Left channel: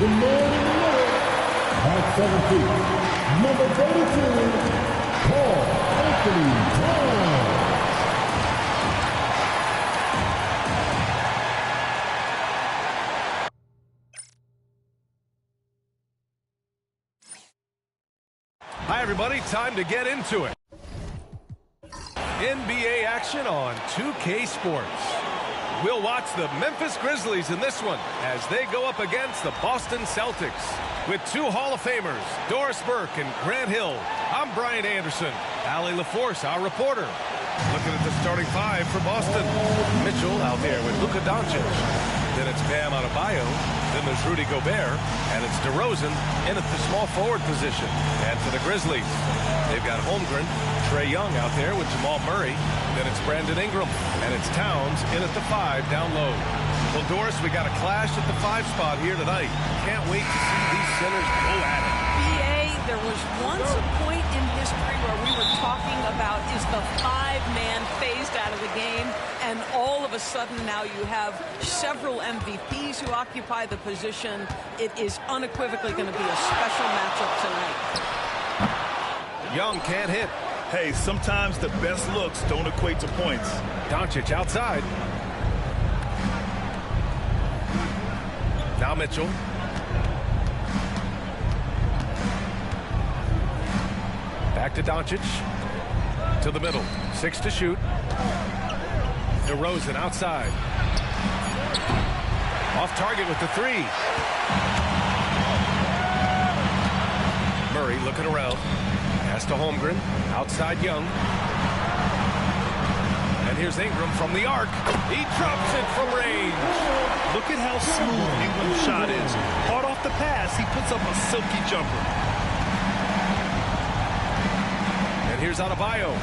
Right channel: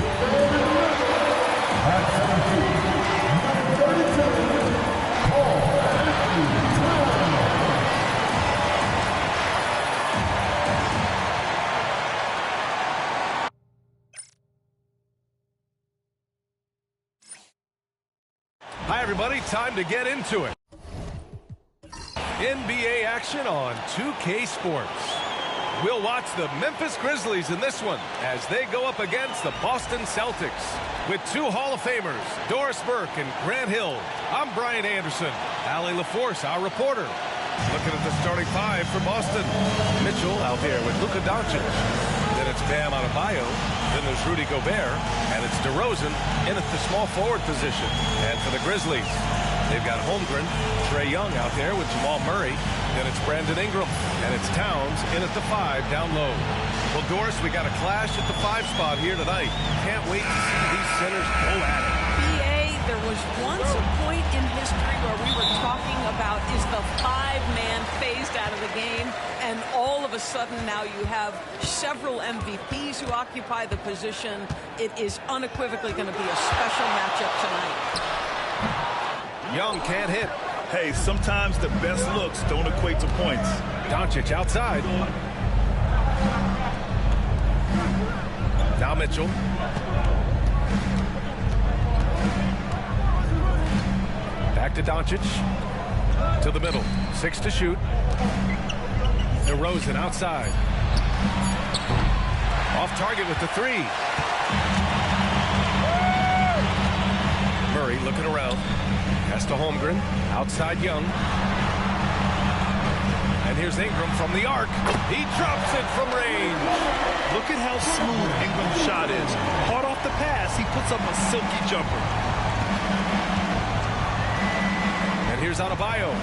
The man in the red, at 7 feet, number 32, Paul Anthony Brown. Hi, everybody. Time to get into it. NBA action on 2K Sports. We'll watch the Memphis Grizzlies in this one as they go up against the Boston Celtics. With two Hall of Famers, Doris Burke and Grant Hill, I'm Brian Anderson. Allie LaForce, our reporter. Looking at the starting five for Boston. Mitchell out there with Luka Doncic. Then it's Bam Adebayo. Then there's Rudy Gobert. And it's DeRozan in at the small forward position. And for the Grizzlies, they've got Holmgren, Trae Young out there with Jamal Murray. Then it's Brandon Ingram. And it's Towns in at the 5 down low. Well, Doris, we got a clash at the 5 spot here tonight. Can't wait to see these centers go at it. B.A., there was once a point in history where we were talking about, is the 5-man phased out of the game? And all of a sudden now you have several MVPs who occupy the position. It is unequivocally going to be a special matchup tonight. Young can't hit. Hey, sometimes the best looks don't equate to points. Doncic outside. Now Mitchell. Back to Doncic. To the middle. 6 to shoot. DeRozan outside. Off target with the 3. Murray looking around. Pass to Holmgren. Outside Young. And here's Ingram from the arc. He drops it from range. Look at how smooth Ingram's shot is. Hard off the pass, he puts up a silky jumper. And here's Adebayo.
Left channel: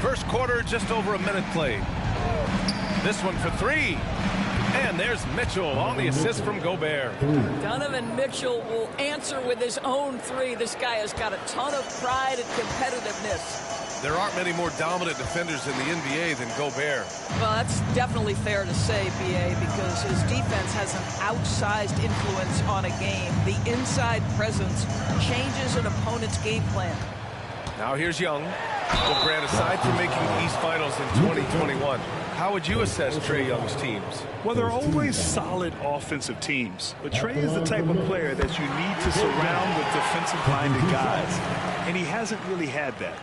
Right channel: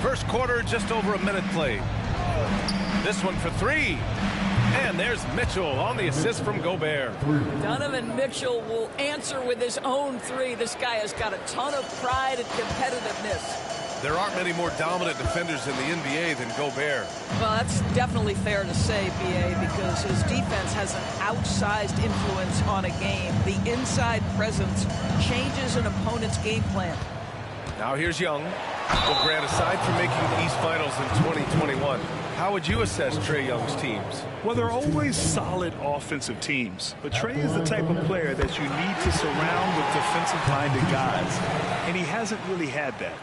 First quarter, just over a minute played. This one for 3. And there's Mitchell on the assist from Gobert. Donovan Mitchell will answer with his own 3. This guy has got a ton of pride and competitiveness. There aren't many more dominant defenders in the NBA than Gobert. Well, that's definitely fair to say, B.A., because his defense has an outsized influence on a game. The inside presence changes an opponent's game plan. Now here's Young. Well, Grant, aside from making the East Finals in 2021, how would you assess Trae Young's teams? Well, they're always solid offensive teams. But Trae is the type of player that you need to surround with defensive-minded guys. And he hasn't really had that.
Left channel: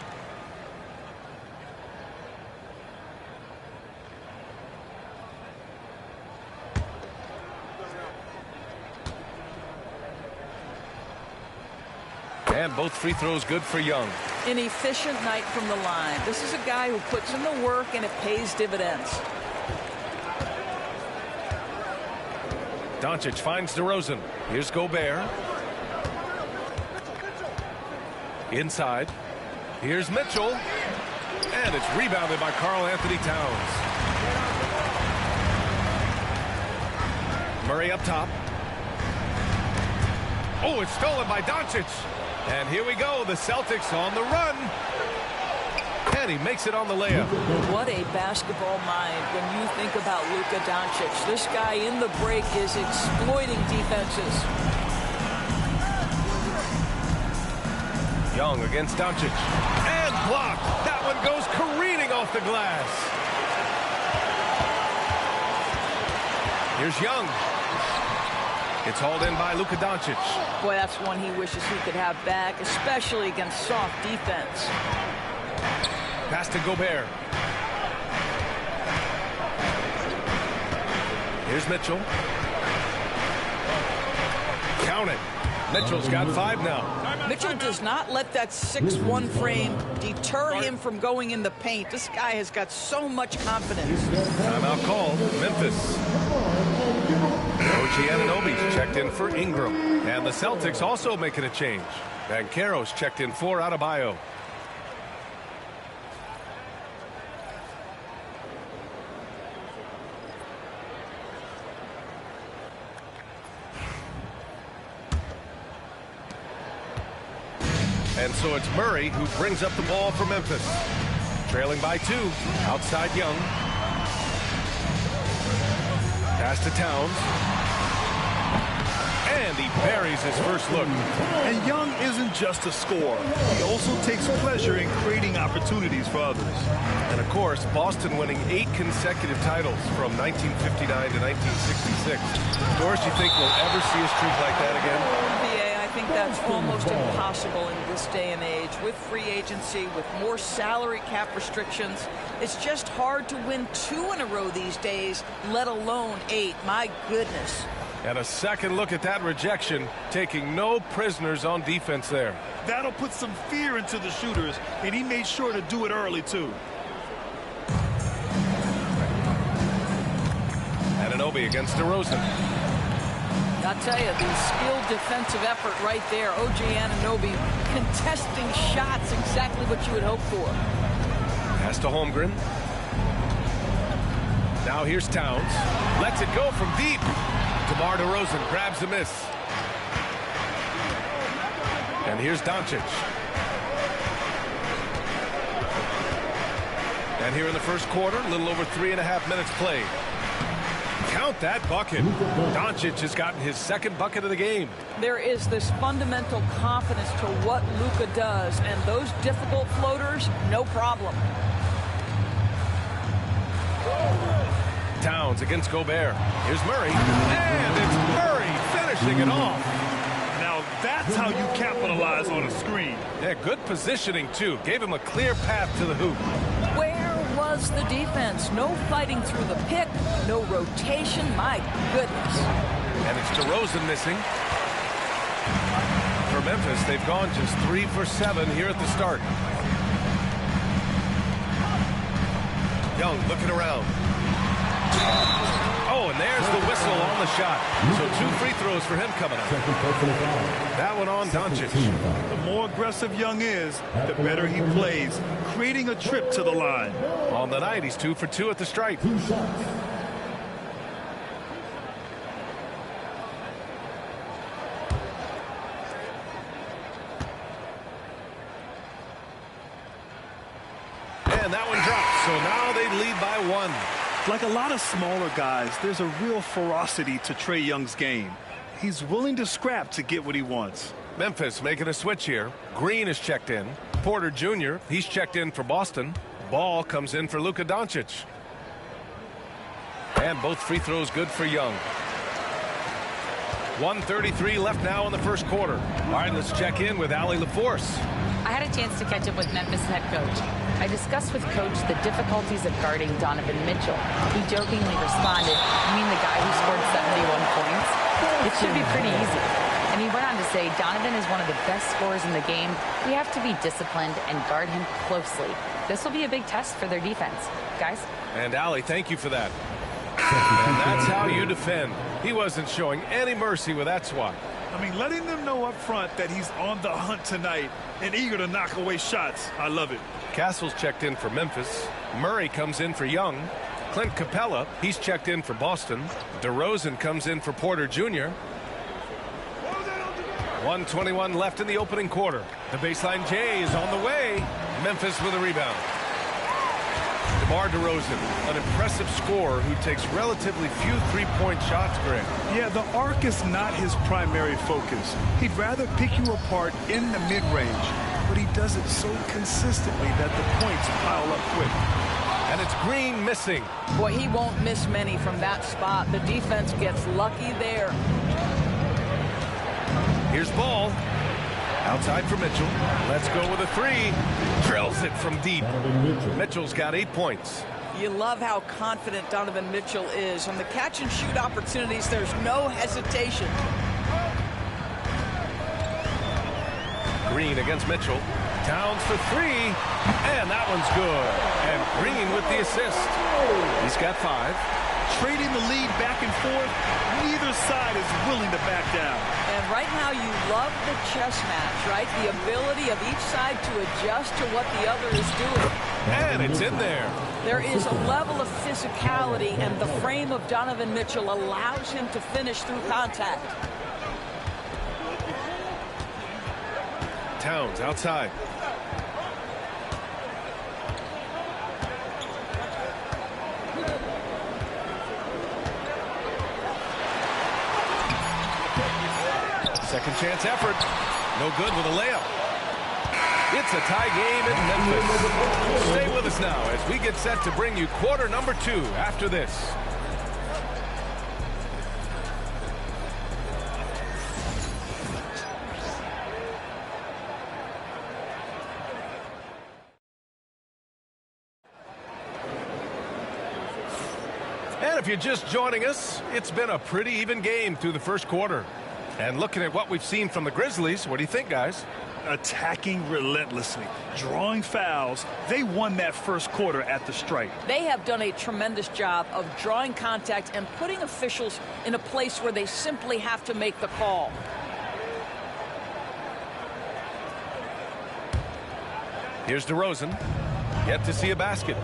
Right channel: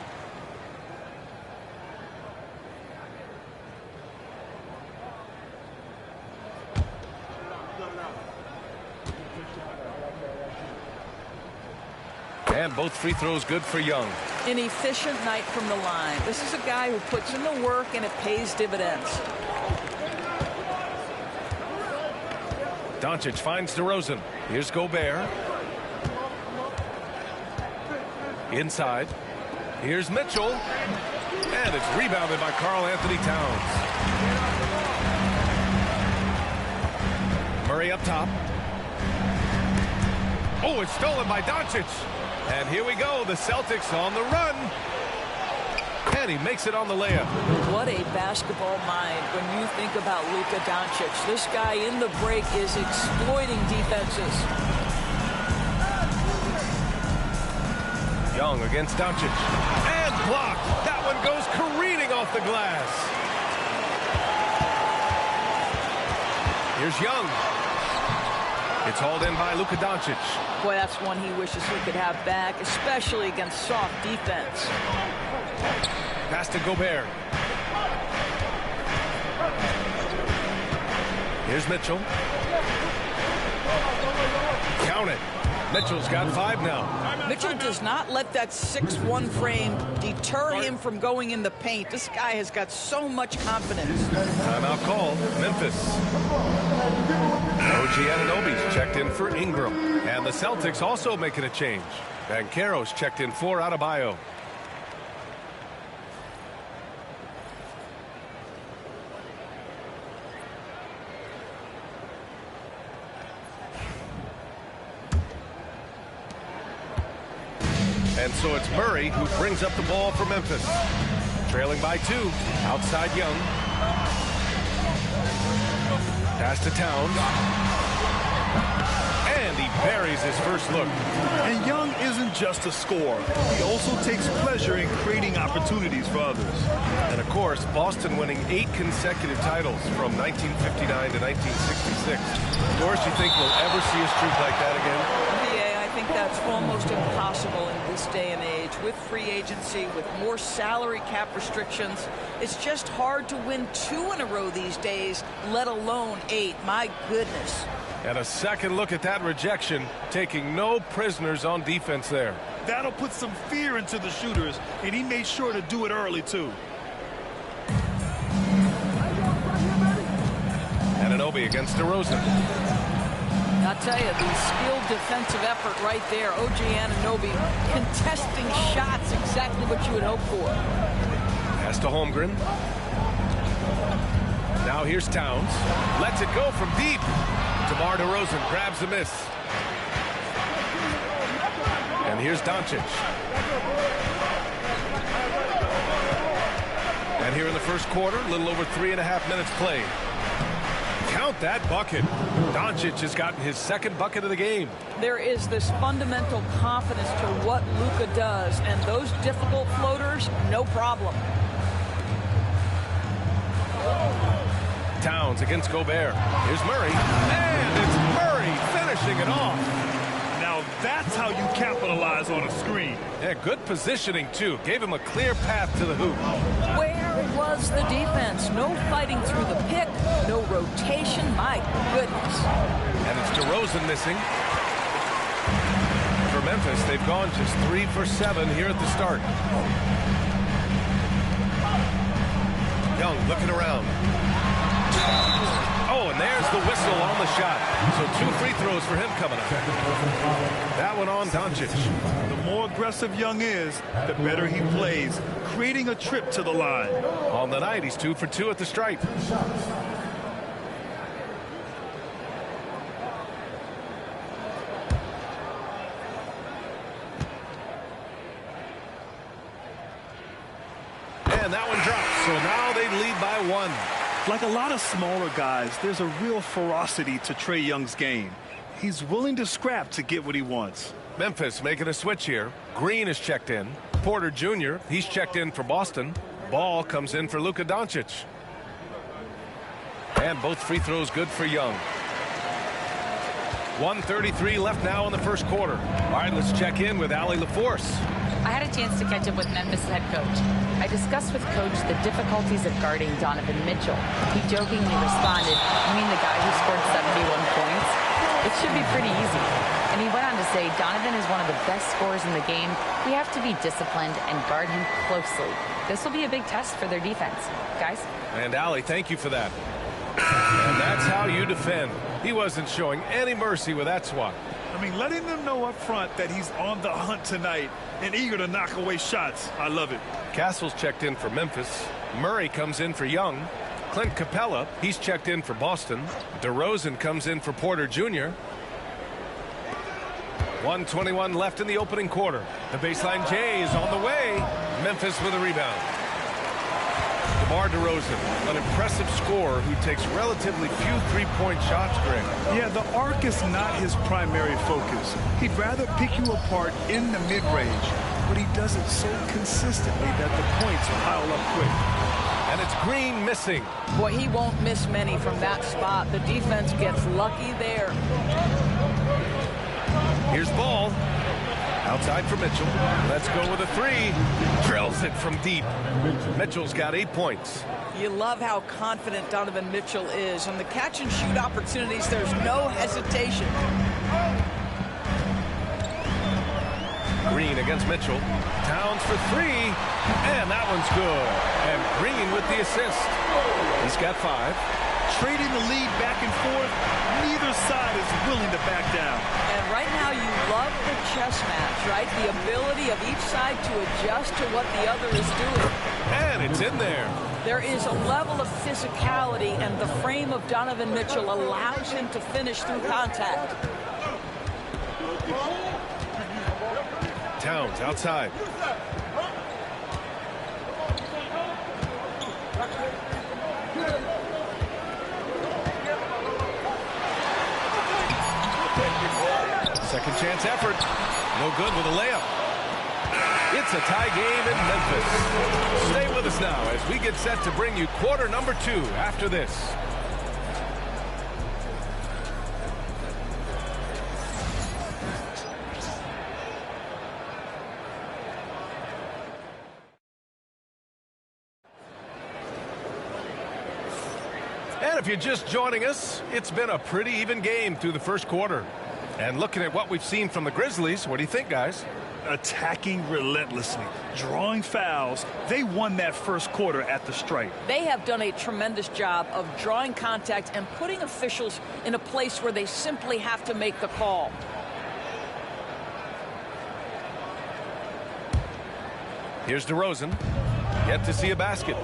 And both free throws good for Young. An efficient night from the line. This is a guy who puts in the work and it pays dividends. Doncic finds DeRozan. Here's Gobert. Inside. Here's Mitchell. And it's rebounded by Karl Anthony Towns. Murray up top. Oh, it's stolen by Doncic. And here we go, the Celtics on the run. And he makes it on the layup. What a basketball mind when you think about Luka Doncic. This guy in the break is exploiting defenses. Young against Doncic. And blocked. That one goes careening off the glass. Here's Young. It's hauled in by Luka Doncic. Boy, that's one he wishes he could have back, especially against soft defense. Pass to Gobert. Here's Mitchell. Count it. Mitchell's got 5 now. Mitchell does not let that 6'1" frame deter him from going in the paint. This guy has got so much confidence. Timeout called. Memphis. OG Anunoby's checked in for Ingram. And the Celtics also making a change. Banchero's checked in for Adebayo. And so it's Murray who brings up the ball for Memphis. Trailing by 2. Outside Young. Pass to Towns. And he buries his first look. And Young isn't just a scorer. He also takes pleasure in creating opportunities for others. And of course, Boston winning 8 consecutive titles from 1959 to 1966. Doris, you think we'll ever see a streak like that again? I think that's almost impossible in this day and age. With free agency, with more salary cap restrictions, it's just hard to win 2 in a row these days, let alone 8. My goodness. And a second look at that rejection, taking no prisoners on defense there. That'll put some fear into the shooters, and he made sure to do it early, too. Anunoby against DeRozan. I'll tell you, the skilled defensive effort right there. OG Anunoby contesting shots, exactly what you would hope for. Pass to Holmgren. Now here's Towns. Lets it go from deep. DeMar DeRozan grabs a miss. And here's Doncic. And here in the first quarter, a little over 3.5 minutes played. Count that bucket. Doncic has gotten his second bucket of the game. There is this fundamental confidence to what Luka does, and those difficult floaters, no problem. Towns against Gobert. Here's Murray. And it's Murray finishing it off. Now that's how you capitalize on a screen. Yeah, good positioning, too. Gave him a clear path to the hoop. Where was the defense? No fighting through the pick, no rotation. My goodness. And it's DeRozan missing. For Memphis, they've gone just 3 for 7 here at the start. Young looking around. Oh, and there's the whistle on the shot. So 2 free throws for him coming up. That one on Doncic. The more aggressive Young is, the better he plays, creating a trip to the line. On the night, he's 2 for 2 at the stripe. 2 shots. And that one drops. So now they lead by 1. Like a lot of smaller guys, there's a real ferocity to Trae Young's game. He's willing to scrap to get what he wants. Memphis making a switch here. Green is checked in. Porter Jr., he's checked in for Boston. Ball comes in for Luka Doncic. And both free throws good for Young. 1:33 left now in the first quarter. All right, let's check in with Allie LaForce. I had a chance to catch up with Memphis head coach. I discussed with Coach the difficulties of guarding Donovan Mitchell. He jokingly responded, "You mean the guy who scored 71 points? It should be pretty easy." And he went on to say, "Donovan is one of the best scorers in the game. We have to be disciplined and guard him closely. This will be a big test for their defense." Guys? And Allie, thank you for that. And that's how you defend. He wasn't showing any mercy with that swat. I mean, letting them know up front that he's on the hunt tonight and eager to knock away shots. I love it. Castle's checked in for Memphis. Murray comes in for Young. Clint Capella, he's checked in for Boston. DeRozan comes in for Porter Jr. 1:21 left in the opening quarter. The baseline J is on the way. Memphis with a rebound. DeMar DeRozan, an impressive scorer who takes relatively few three-point shots, Greg. Yeah, the arc is not his primary focus. He'd rather pick you apart in the mid-range, but he does it so consistently that the points pile up quick. And it's Green missing. Boy, he won't miss many from that spot. The defense gets lucky there. Here's Ball. Outside for Mitchell. Let's go with a 3. Drills it from deep. Mitchell's got 8 points. You love how confident Donovan Mitchell is. On the catch and shoot opportunities, there's no hesitation. Green against Mitchell. Towns for three, and that one's good. And Green with the assist. He's got 5. Trading the lead back and forth, neither side is willing to back down. And right now you love the chess match, right? The ability of each side to adjust to what the other is doing. And it's in there. There is a level of physicality, and the frame of Donovan Mitchell allows him to finish through contact. Towns outside. Second chance effort. No good with a layup. It's a tie game in Memphis. Stay with us now as we get set to bring you quarter number 2 after this. And if you're just joining us, it's been a pretty even game through the first quarter. And looking at what we've seen from the Grizzlies, what do you think, guys? Attacking relentlessly, drawing fouls. They won that first quarter at the stripe. They have done a tremendous job of drawing contact and putting officials in a place where they simply have to make the call. Here's DeRozan. Yet to see a basket.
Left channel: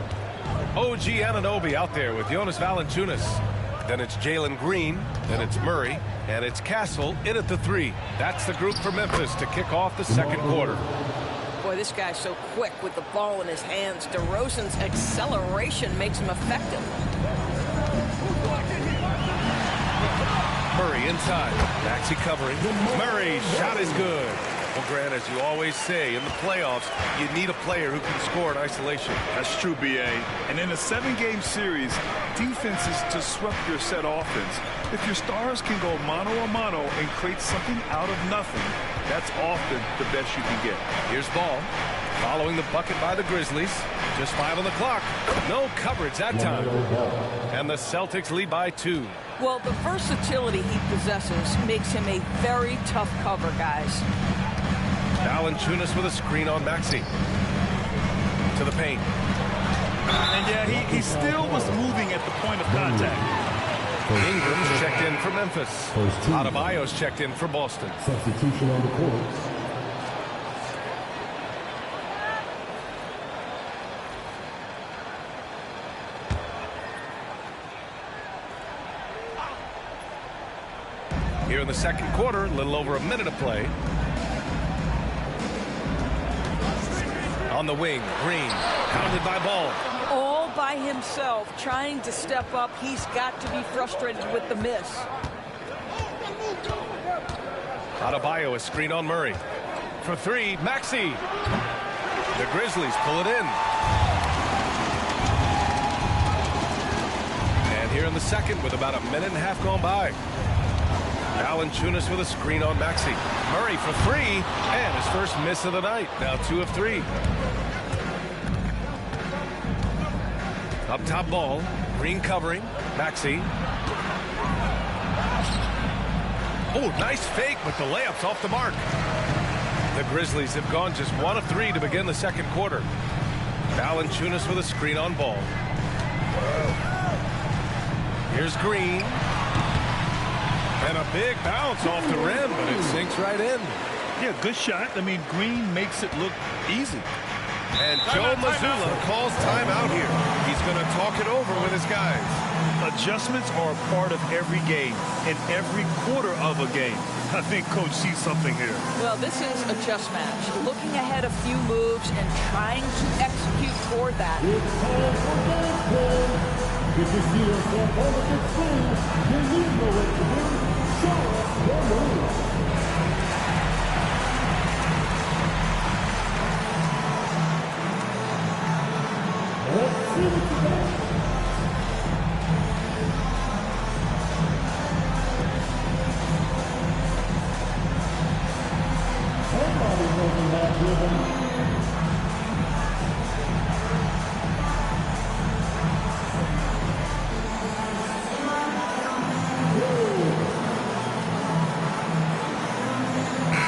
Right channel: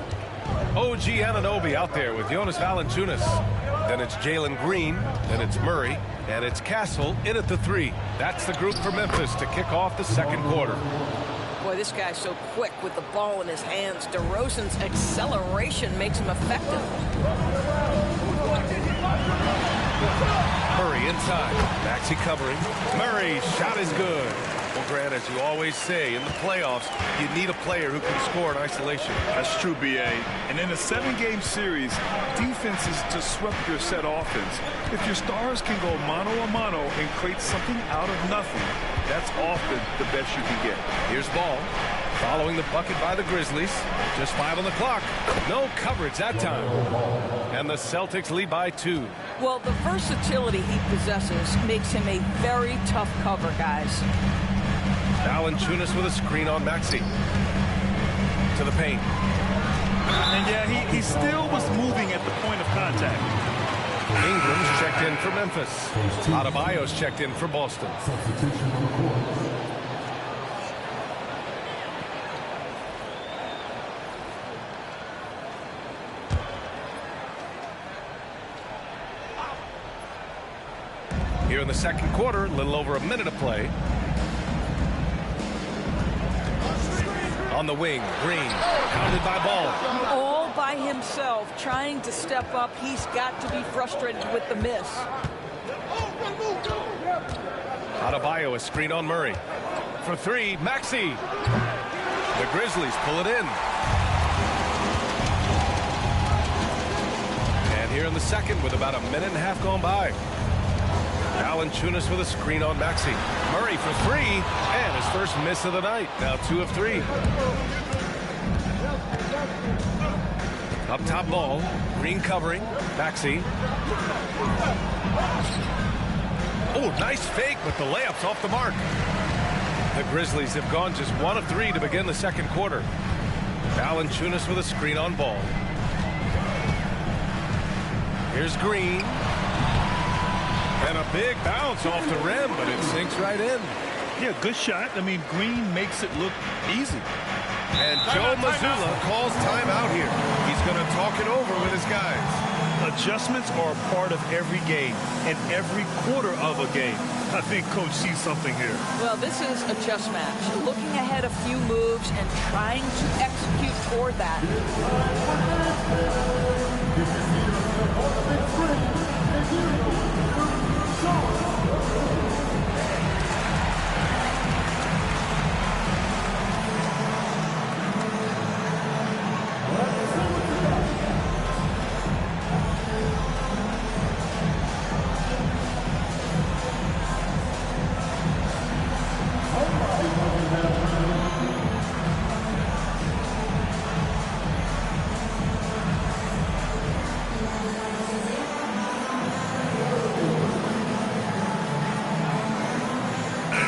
OG Anunoby out there with Jonas Valanciunas. Then it's Jalen Green. Then it's Murray. And it's Castle in at the 3. That's the group for Memphis to kick off the second quarter. Boy, this guy's so quick with the ball in his hands. DeRozan's acceleration makes him effective. Murray inside. Maxey covering. Murray's shot is good. Well, Grant, as you always say, in the playoffs, you need a player who can score in isolation. That's true, B.A. And in a 7-game series, defense is to disrupt your set offense. If your stars can go mano-a-mano and create something out of nothing, that's often the best you can get. Here's Ball. Following the bucket by the Grizzlies. Just 5 on the clock. No coverage that time. And the Celtics lead by 2. Well, the versatility he possesses makes him a very tough cover, guys. Valanciunas with a screen on Maxey. To the paint. And yeah, he still was moving at the point of contact. Ingram's checked in for Memphis. Adebayo's checked in for Boston. Substitution on the court. Here in the second quarter, a little over a minute of play. On the wing, Green, pounded by Ball. All by himself, trying to step up. He's got to be frustrated with the miss. Adebayo, a screen on Murray. For 3, Maxey. The Grizzlies pull it in. And here in the second, with about a minute and a half gone by. Valanciunas with a screen on Maxey. Murray for 3, and his first miss of the night. Now 2 of 3. Up top Ball. Green covering. Maxey. Oh, nice fake, but the layup's off the mark. The Grizzlies have gone just 1 of 3 to begin the second quarter. Valanciunas with a screen on Ball. Here's Green. And a big bounce off the rim, but it sinks right in. Yeah, good shot. I mean, Green makes it look easy. And Joe Mazzulla calls timeout here. He's going to talk it over with his guys. Adjustments are a part of every game and every quarter of a game. I think Coach sees something here. Well, this is a chess match. Looking ahead a few moves and trying to execute toward that. This is here for Olympic Springs, and you know what to do. Show your moves. Let's see what you got. Somebody making that rhythm.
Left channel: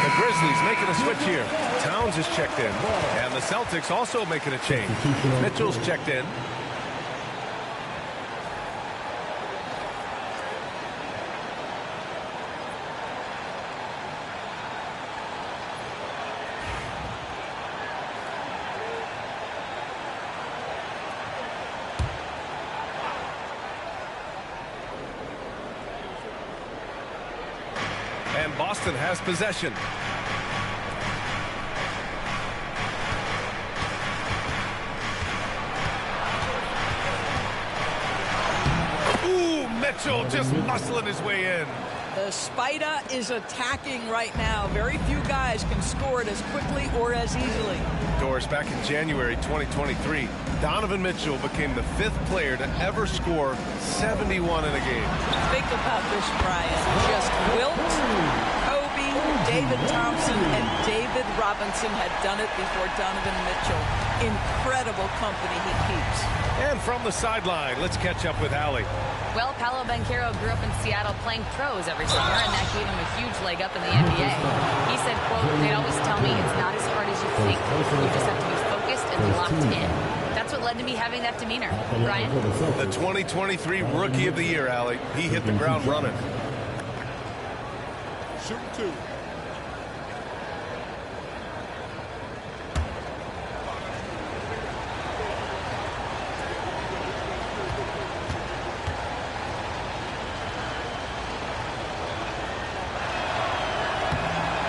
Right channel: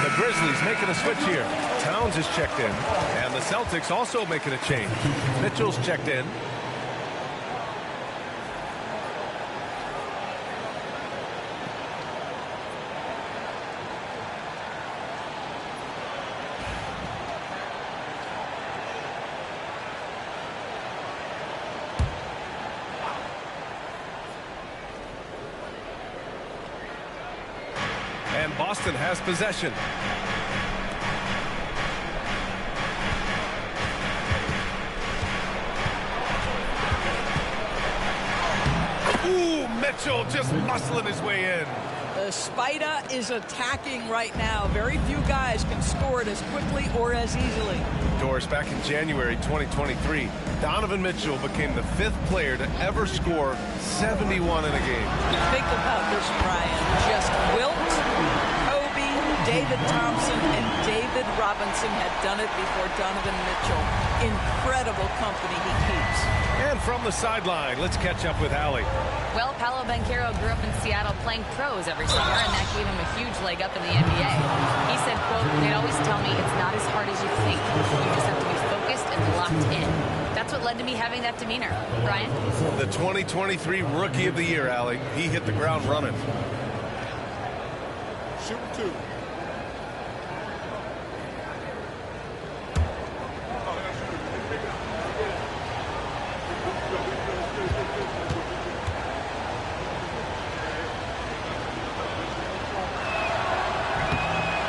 The Grizzlies making a switch here. Towns is checked in, and the Celtics also making a change. Mitchell's checked in. And Boston has possession. Ooh, Mitchell just muscling his way in. The Spider is attacking right now. Very few guys can score it as quickly or as easily. Doris, back in January 2023, Donovan Mitchell became the 5th player to ever score 71 in a game. Think about this, Brian. Just Wilt, Kobe, David Thompson, and David Robinson had done it before Donovan Mitchell. Incredible company he keeps. And from the sideline, let's catch up with Allie. Well, Paolo Banchero grew up in Seattle playing pros every summer, and that gave him a huge leg up in the NBA. He said, quote, "They'd always tell me it's not as hard as you think. You just have to be focused and locked in." That's what led to me having that demeanor. Brian? The 2023 Rookie of the Year, Allie. He hit the ground running. Shooting 2.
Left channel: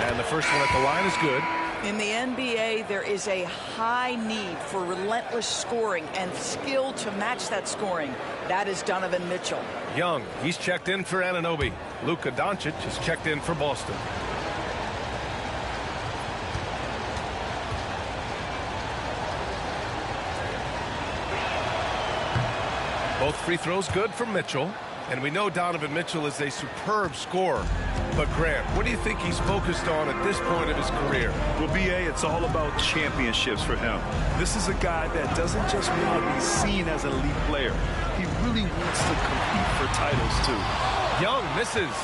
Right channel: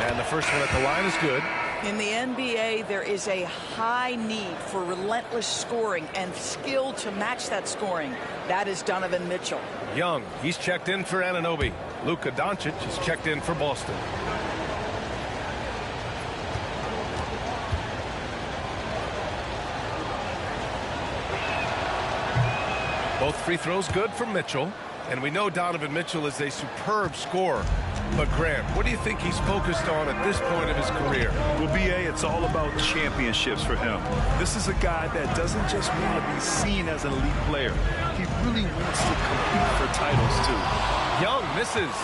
And the first one at the line is good. In the NBA, there is a high need for relentless scoring and skill to match that scoring. That is Donovan Mitchell. Young, he's checked in for Anunoby. Luka Doncic is checked in for Boston. Both free throws good for Mitchell. And we know Donovan Mitchell is a superb scorer. But Grant, what do you think he's focused on at this point of his career? Well, B.A., it's all about championships for him. This is a guy that doesn't just want to be seen as an elite player. He really wants to compete for titles, too. Young misses.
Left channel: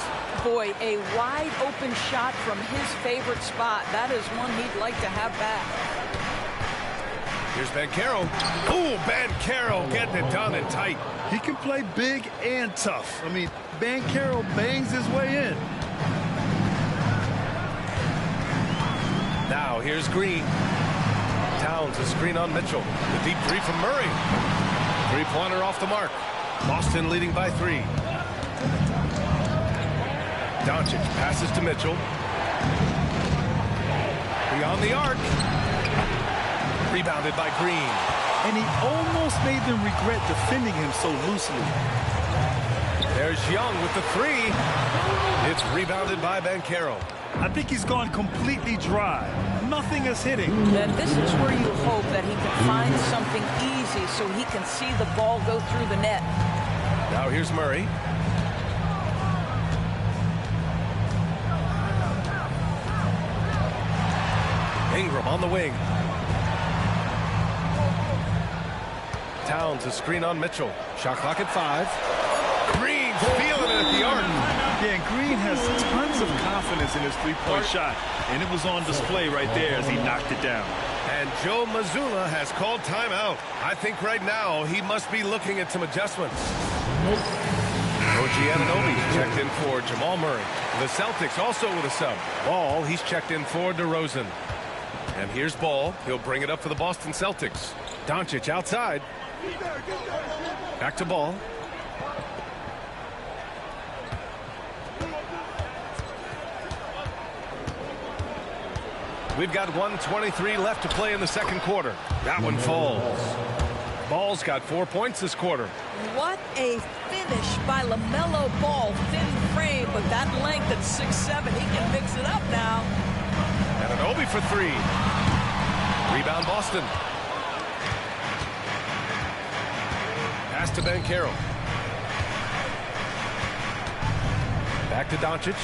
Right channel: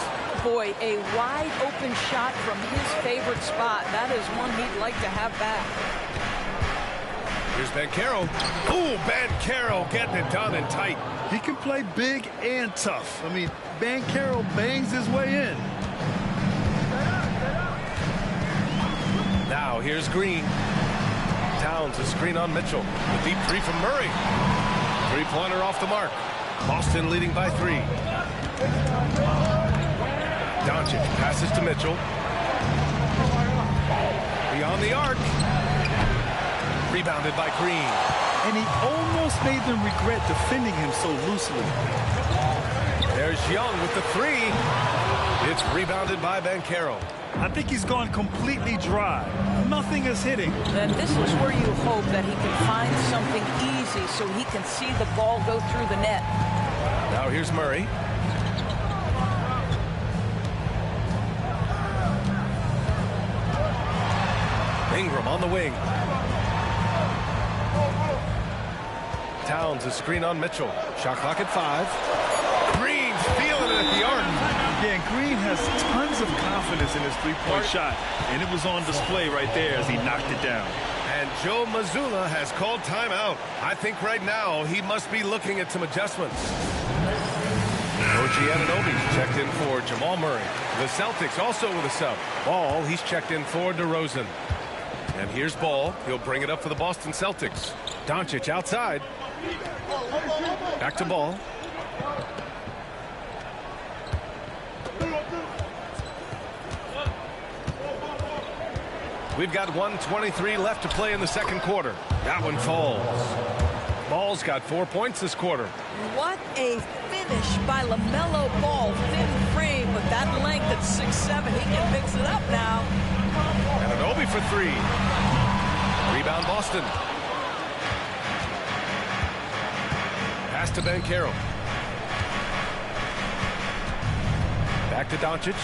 Boy, a wide open shot from his favorite spot. That is one he'd like to have back. Here's Banchero. Ooh, Banchero getting it done and tight. He can play big and tough. I mean, Banchero bangs his way in. Now here's Green. Towns a screen on Mitchell. The deep three from Murray. Three-pointer off the mark. Boston leading by 3. Doncic passes to Mitchell. Beyond the arc. Rebounded by Green. And he almost made them regret defending him so loosely. There's Young with the 3. It's rebounded by Banchero. I think he's gone completely dry. Nothing is hitting. Then this is where you hope that he can find something easy so he can see the ball go through the net. Now here's Murray. Ingram on the wing. Towns a screen on Mitchell. Shot clock at 5. Green's feeling it at the arc. Yeah, and Green has tons of confidence in his three-point shot, and it was on display right there as he knocked it down. And Joe Mazzulla has called timeout. I think right now he must be looking at some adjustments. OG Anunoby's checked in for Jamal Murray. The Celtics also with a sub. Ball, he's checked in for DeRozan. And here's Ball. He'll bring it up for the Boston Celtics. Doncic outside. Back to Ball. We've got 1:23 left to play in the second quarter. That one falls. Ball's got 4 points this quarter. What a finish by LaMelo Ball. Thin frame, but that length at 6'7", he can mix it up now. Anunoby for 3. Rebound Boston. Pass to Banchero. Back to Doncic.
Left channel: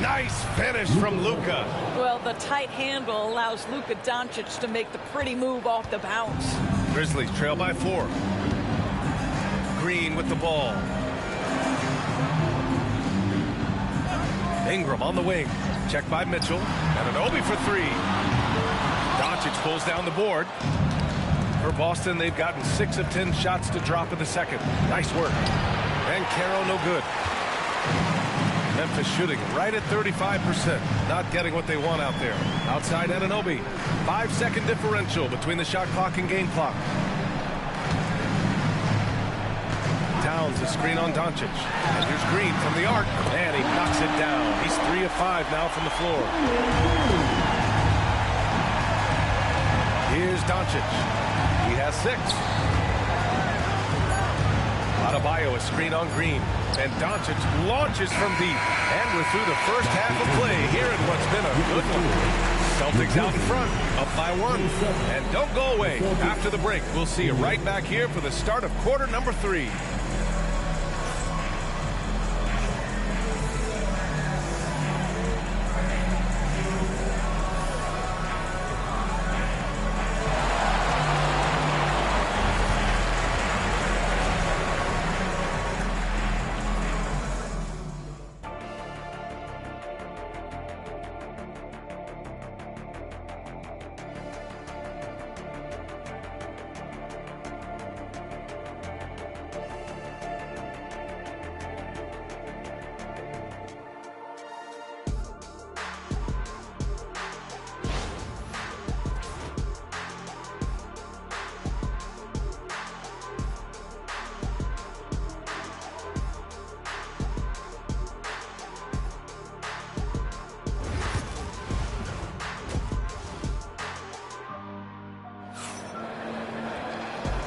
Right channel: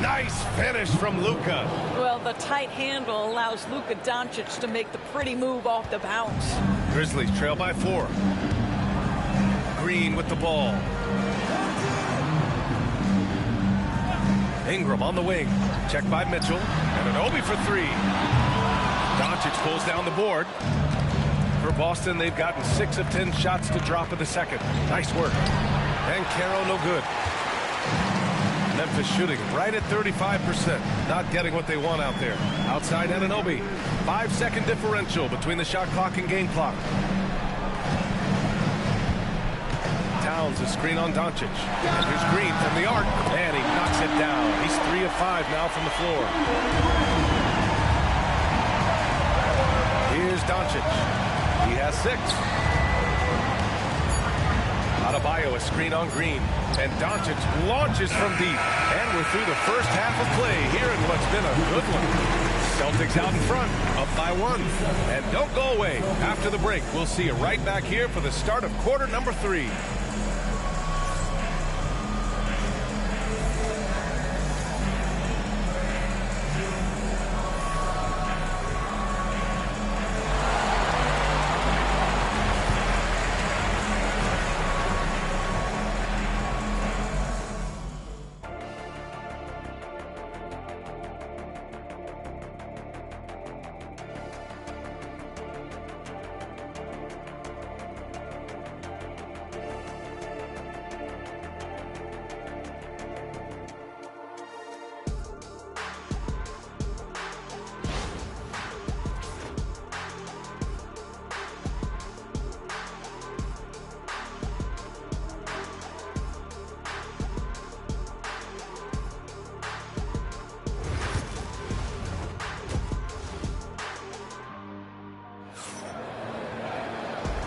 Nice finish from Luka. Well, the tight handle allows Luka Doncic to make the pretty move off the bounce. Grizzlies trail by 4. Green with the ball. Ingram on the wing. Checked by Mitchell. And Anunoby for three. Doncic pulls down the board. For Boston, they've gotten 6 of 10 shots to drop in the second. Nice work. And Caro no good. Memphis shooting right at 35%. Not getting what they want out there. Outside Anunoby. 5-second differential between the shot clock and game clock. Towns a screen on Doncic. And here's Green from the arc. And he knocks it down. He's 3 of 5 now from the floor. Here's Doncic. He has 6. Adebayo a screen on Green. And Doncic launches from deep. And we're through the first half of play here in what's been a good one. Celtics out in front, up by 1. And don't go away. After the break, we'll see you right back here for the start of quarter number 3.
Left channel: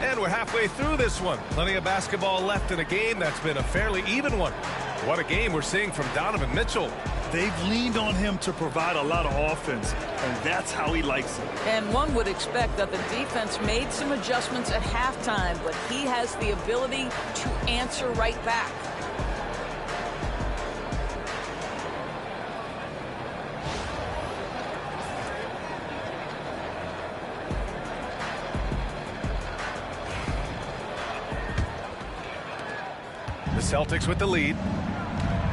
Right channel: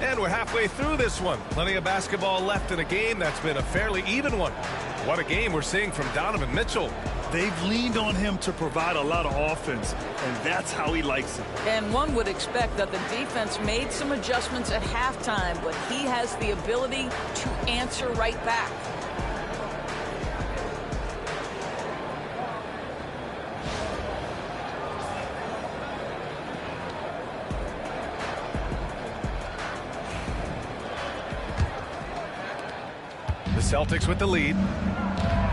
And we're halfway through this one. Plenty of basketball left in a game that's been a fairly even one. What a game we're seeing from Donovan Mitchell. They've leaned on him to provide a lot of offense, and that's how he likes it. And one would expect that the defense made some adjustments at halftime, but he has the ability to answer right back. The Celtics with the lead.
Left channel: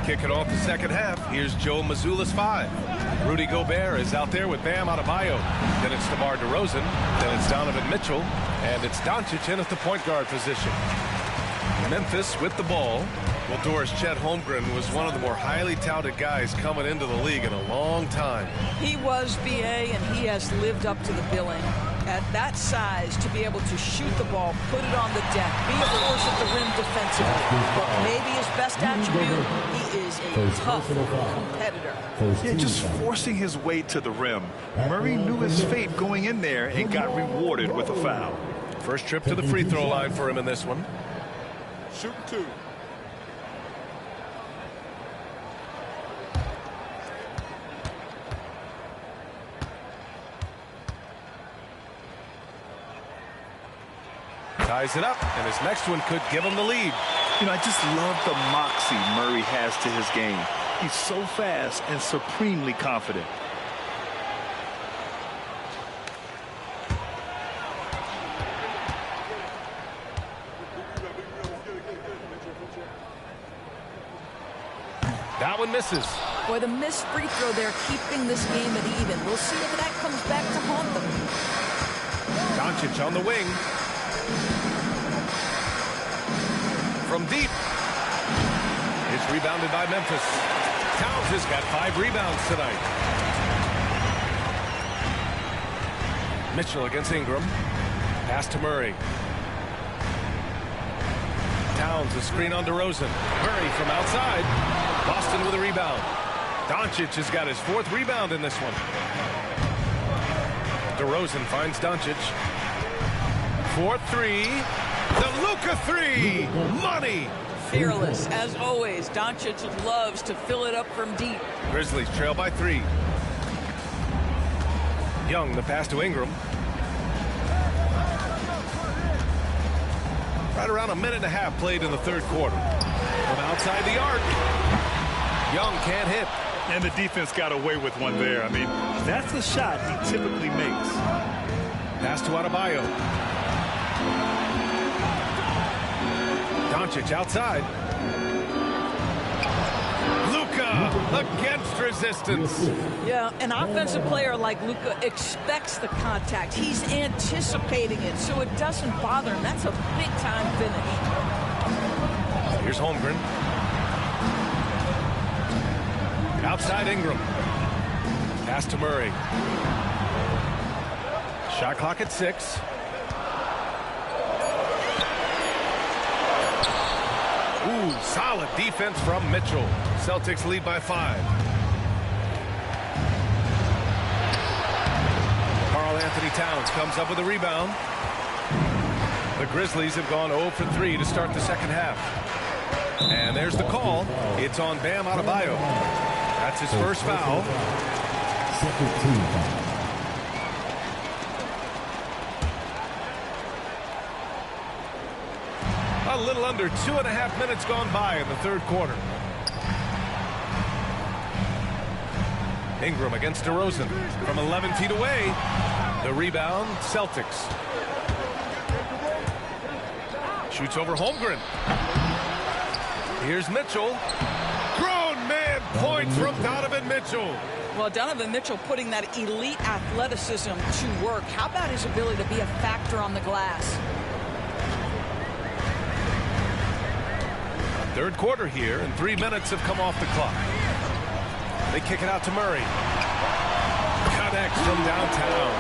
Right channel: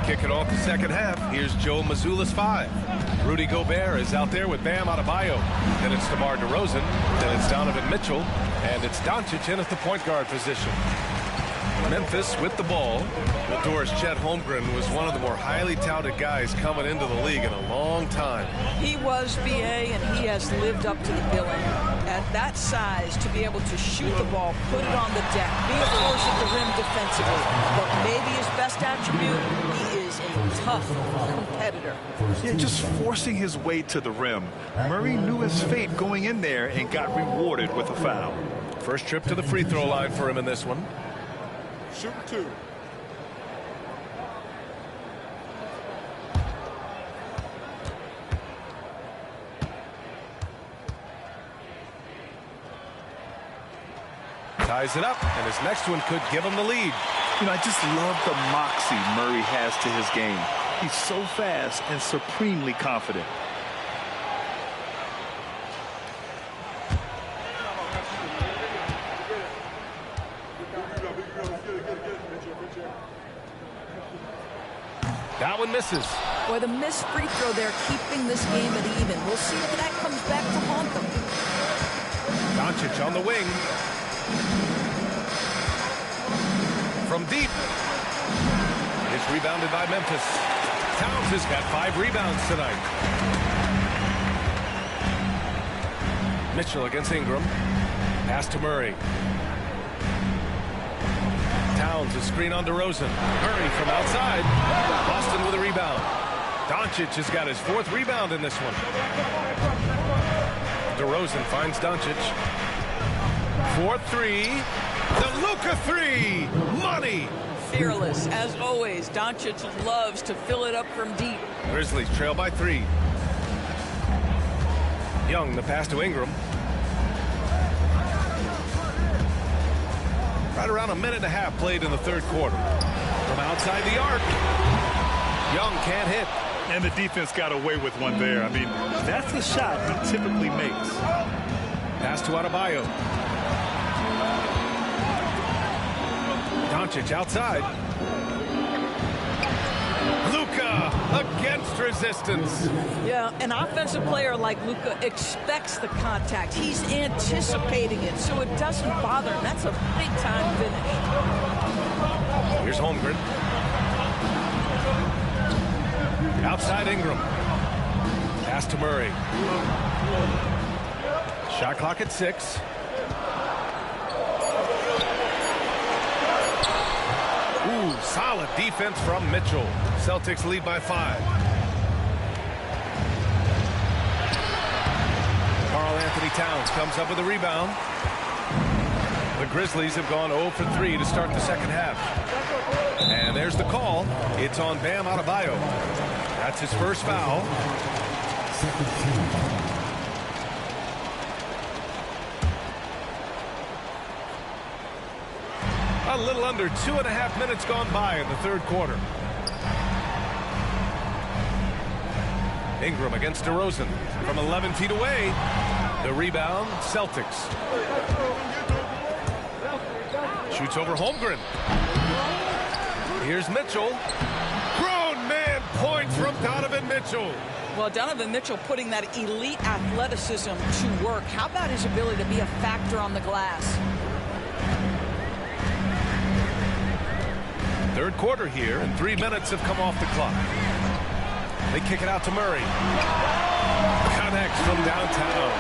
Kicking off the second half, here's Joe Mazzulla's 5. Rudy Gobert is out there with Bam Adebayo. Then it's DeMar DeRozan. Then it's Donovan Mitchell. And it's Doncic in at the point guard position. Memphis with the ball. Well, Doris, Chet Holmgren was one of the more highly touted guys coming into the league in a long time. He was, BA, and he has lived up to the billing. At that size, to be able to shoot the ball, put it on the deck, be a force at the rim defensively. But maybe his best attribute, he is a tough competitor. Yeah, just forcing his way to the rim. Murray knew his fate going in there and got rewarded with a foul. First trip to the free throw line for him in this one. Shooting 2. Ties it up, and his next one could give him the lead. You know, I just love the moxie Murray has to his game. He's so fast and supremely confident. That one misses. Boy, the missed free throw there keeping this game at even. We'll see if that comes back to haunt them. Doncic on the wing. From deep. It's rebounded by Memphis. Towns has got 5 rebounds tonight. Mitchell against Ingram. Pass to Murray. Towns, a screen on DeRozan. Murray from outside. Boston with a rebound. Doncic has got his 4th rebound in this one. DeRozan finds Doncic. 4-3. The Luka 3. Money. Fearless, as always. Doncic loves to fill it up from deep. Grizzlies trail by 3. Young, the pass to Ingram. Right around a minute and a half played in the third quarter. From outside the arc. Young can't hit. And the defense got away with one there. I mean, that's a shot he typically makes. Pass to Adebayo. Doncic outside. Luka against resistance. Yeah, an offensive player like Luka expects the contact. He's anticipating it, so it doesn't bother him. That's a big-time finish. Here's Holmgren. Outside Ingram. Pass to Murray. Shot clock at 6. Ooh, solid defense from Mitchell. Celtics lead by 5. Karl-Anthony Towns comes up with a rebound. The Grizzlies have gone 0 for 3 to start the second half. And there's the call. It's on Bam Adebayo. That's his first foul. Second team foul. A little under 2.5 minutes gone by in the third quarter. Ingram against DeRozan from 11 feet away. The rebound, Celtics. Shoots over Holmgren. Here's Mitchell. Grown man points from Donovan Mitchell. Well, Donovan Mitchell putting that elite athleticism to work. How about his ability to be a factor on the glass? Third quarter here, and 3 minutes have come off the clock. They kick it out to Murray. Connects from downtown.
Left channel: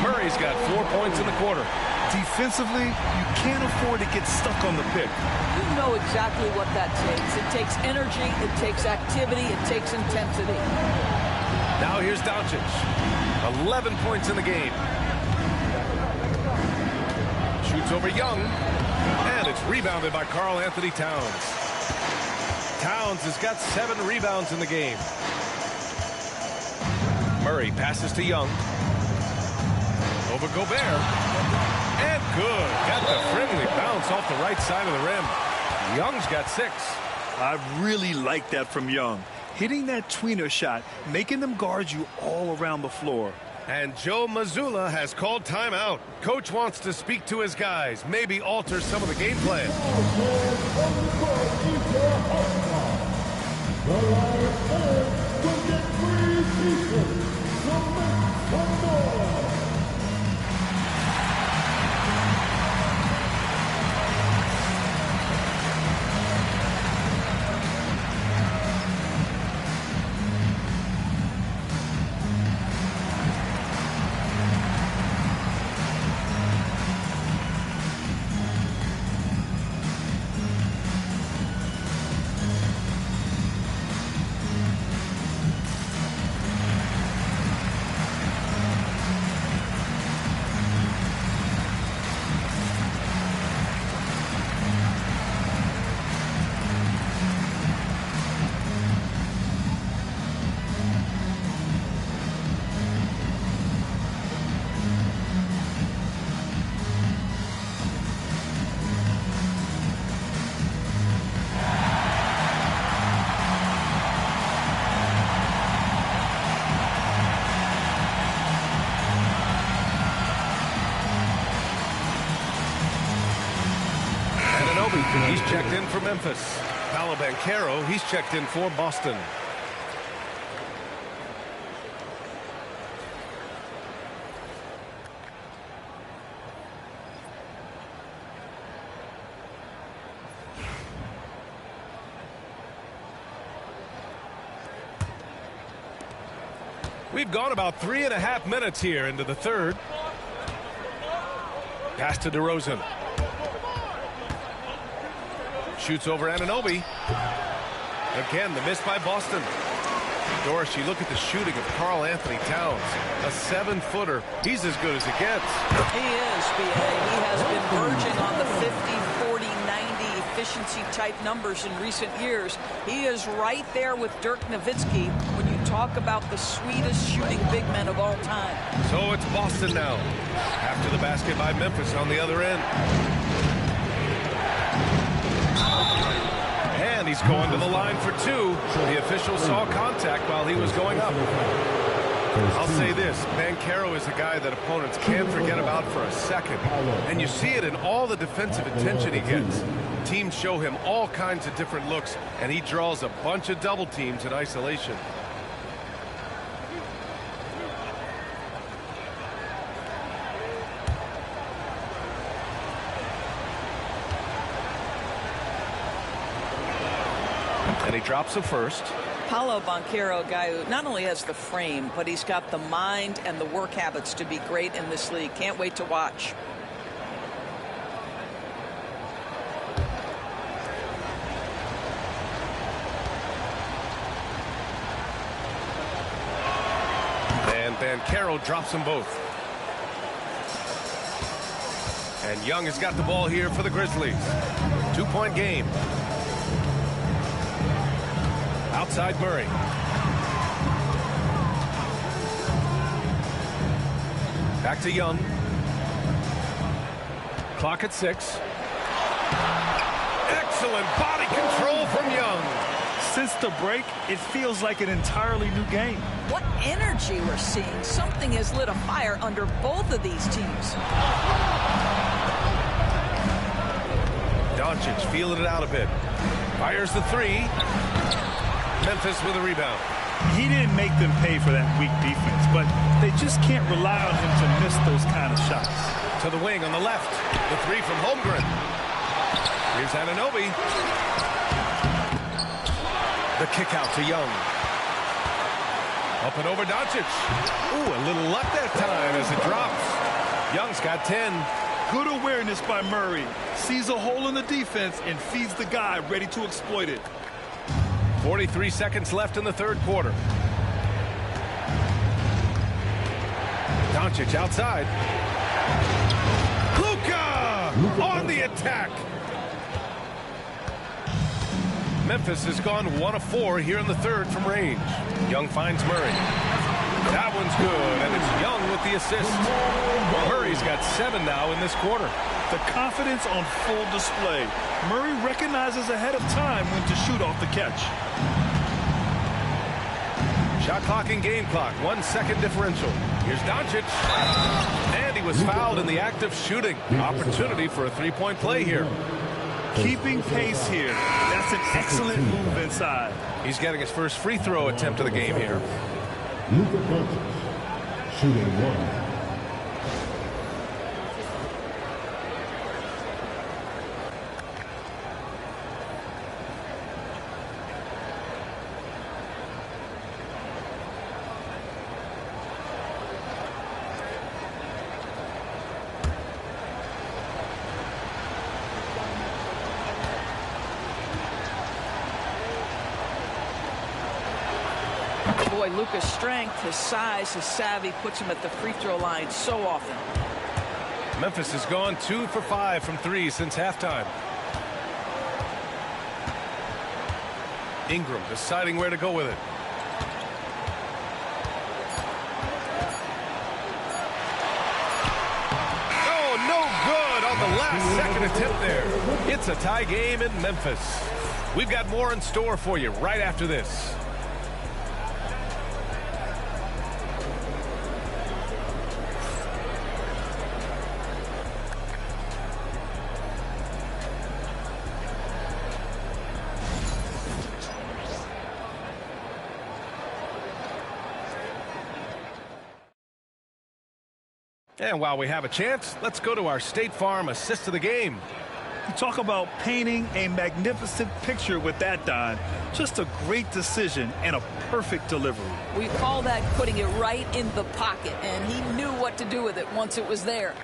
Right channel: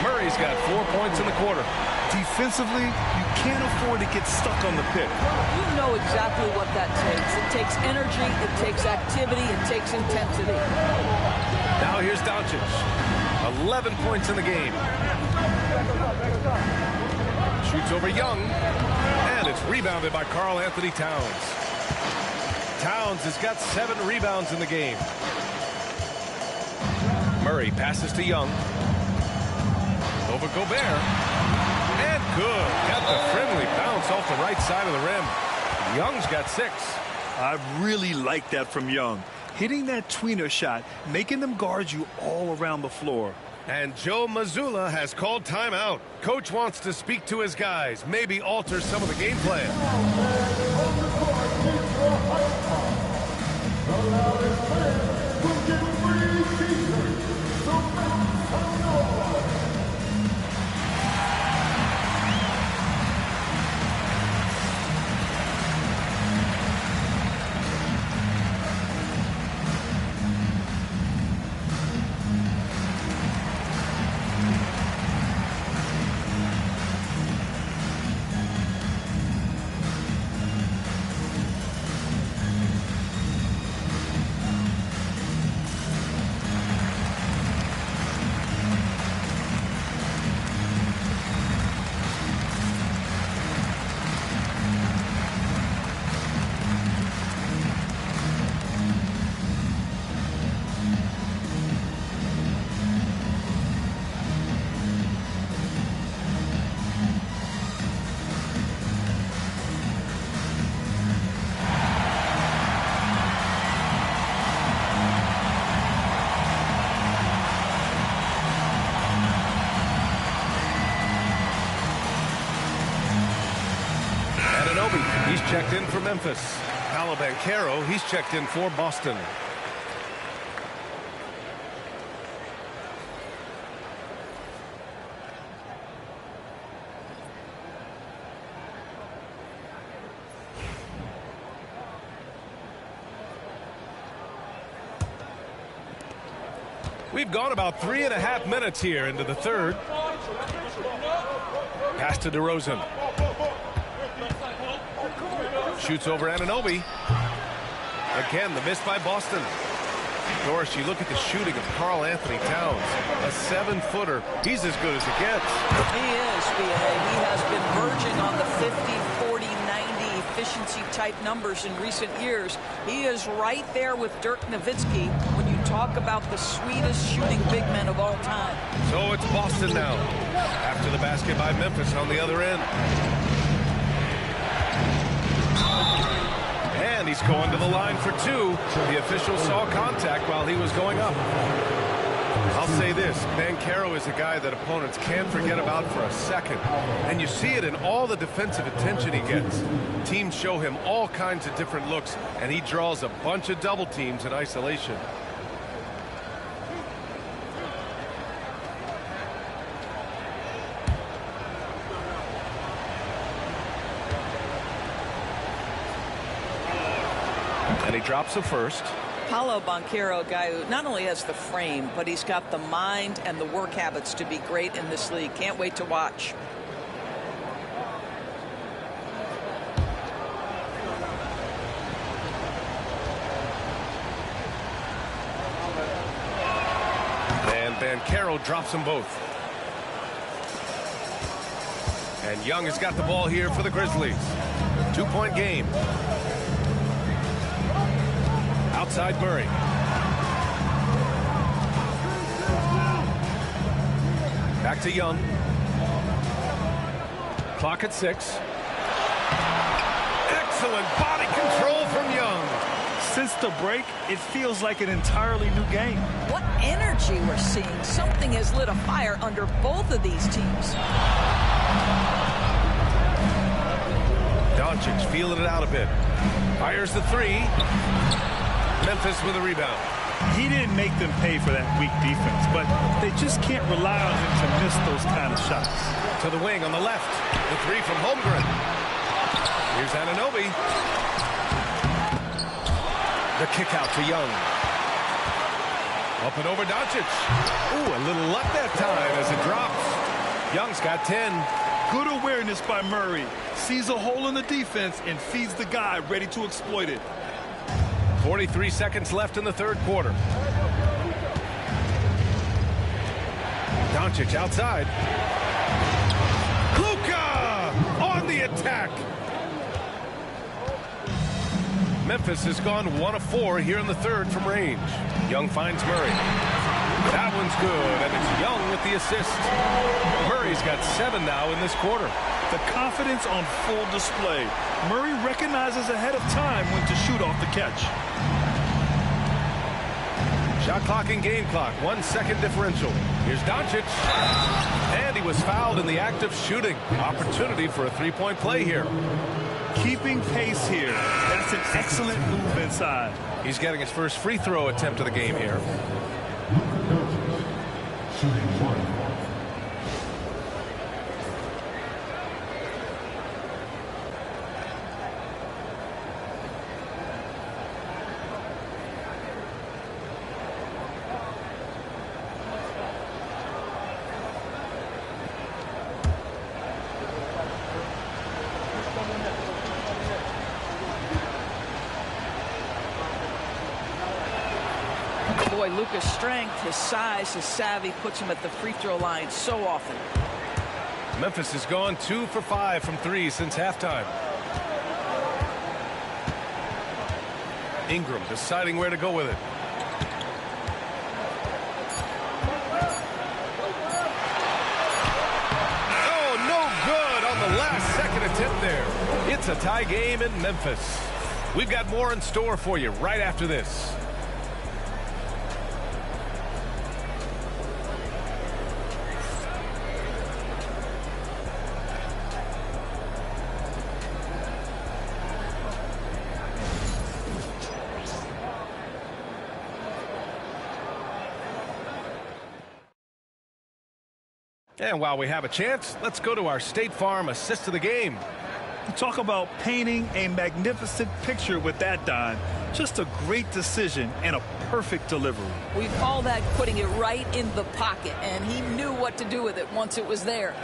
Murray's got 4 points in the quarter. Defensively, you can't afford to get stuck on the pick. You know exactly what that takes. It takes energy, it takes activity, it takes intensity. Now here's Doncic. 11 points in the game. Shoots over Young. And it's rebounded by Karl-Anthony Towns. Towns has got 7 rebounds in the game. Murray passes to Young. Over Gobert. And good. Got the friendly bounce off the right side of the rim. Young's got 6. I really like that from Young. Hitting that tweener shot, making them guard you all around the floor. And Joe Mazzulla has called timeout. Coach wants to speak to his guys, maybe alter some of the game plan. The loudest fan will get free t-shirts. So make some noise. He's checked in for Memphis. Paolo Banchero, he's checked in for Boston. We've gone about 3.5 minutes here into the third. Pass to DeRozan. Shoots over Anunoby. Again, the miss by Boston. Doris, you look at the shooting of Karl-Anthony Towns. A 7-footer. He's as good as it gets. He is, B.A. He has been verging on the 50, 40, 90 efficiency type numbers in recent years. He is right there with Dirk Nowitzki when you talk about the sweetest shooting big men of all time. So it's Boston now. After the basket by Memphis on the other end. And he's going to the line for 2. The official saw contact while he was going up. I'll say this, Banchero is a guy that opponents can't forget about for a second. And you see it in all the defensive attention he gets. Teams show him all kinds of different looks, and he draws a bunch of double teams in isolation. And he drops the first. Paolo Banchero, a guy who not only has the frame, but he's got the mind and the work habits to be great in this league. Can't wait to watch. And Banchero drops them both. And Young has got the ball here for the Grizzlies. 2-point game. Outside Murray. Back to Young. Clock at 6. Excellent body control from Young. Since the break, it feels like an entirely new game. What energy we're seeing. Something has lit a fire under both of these teams. Doncic feeling it out a bit. Fires the 3. Memphis with a rebound. He didn't make them pay for that weak defense, but they just can't rely on him to miss those kind of shots. To the wing on the left. The 3 from Holmgren. Here's Anunoby. The kick out to Young. Up and over Doncic. Ooh, a little luck that time as it drops. Young's got 10. Good awareness by Murray. Sees a hole in the defense and feeds the guy ready to exploit it. 43 seconds left in the third quarter. Doncic outside. Luka on the attack. Memphis has gone 1 of 4 here in the third from range. Young finds Murray. That one's good, and it's Young with the assist. Murray's got 7 now in this quarter. The confidence on full display. Murray recognizes ahead of time when to shoot off the catch. Shot clock and game clock, 1 second differential. Here's Doncic. And he was fouled in the act of shooting. Opportunity for a 3-point play here. Keeping pace here. That's an excellent move inside. He's getting his first free throw attempt of the game here. Luka Doncic, shooting 1. Boy, Luka's strength, his size, his savvy puts him at the free throw line so often. Memphis has gone 2 for 5 from 3 since halftime. Ingram deciding where to go with it. Oh, no good on the last second attempt there. It's a tie game in Memphis. We've got more in store for you right after this. And while we have a chance, let's go to our State Farm assist of the game. You talk about painting a magnificent picture with that, Don. Just a great decision and a perfect delivery. We call that putting it right in the pocket, and he knew what to do with it once it was there.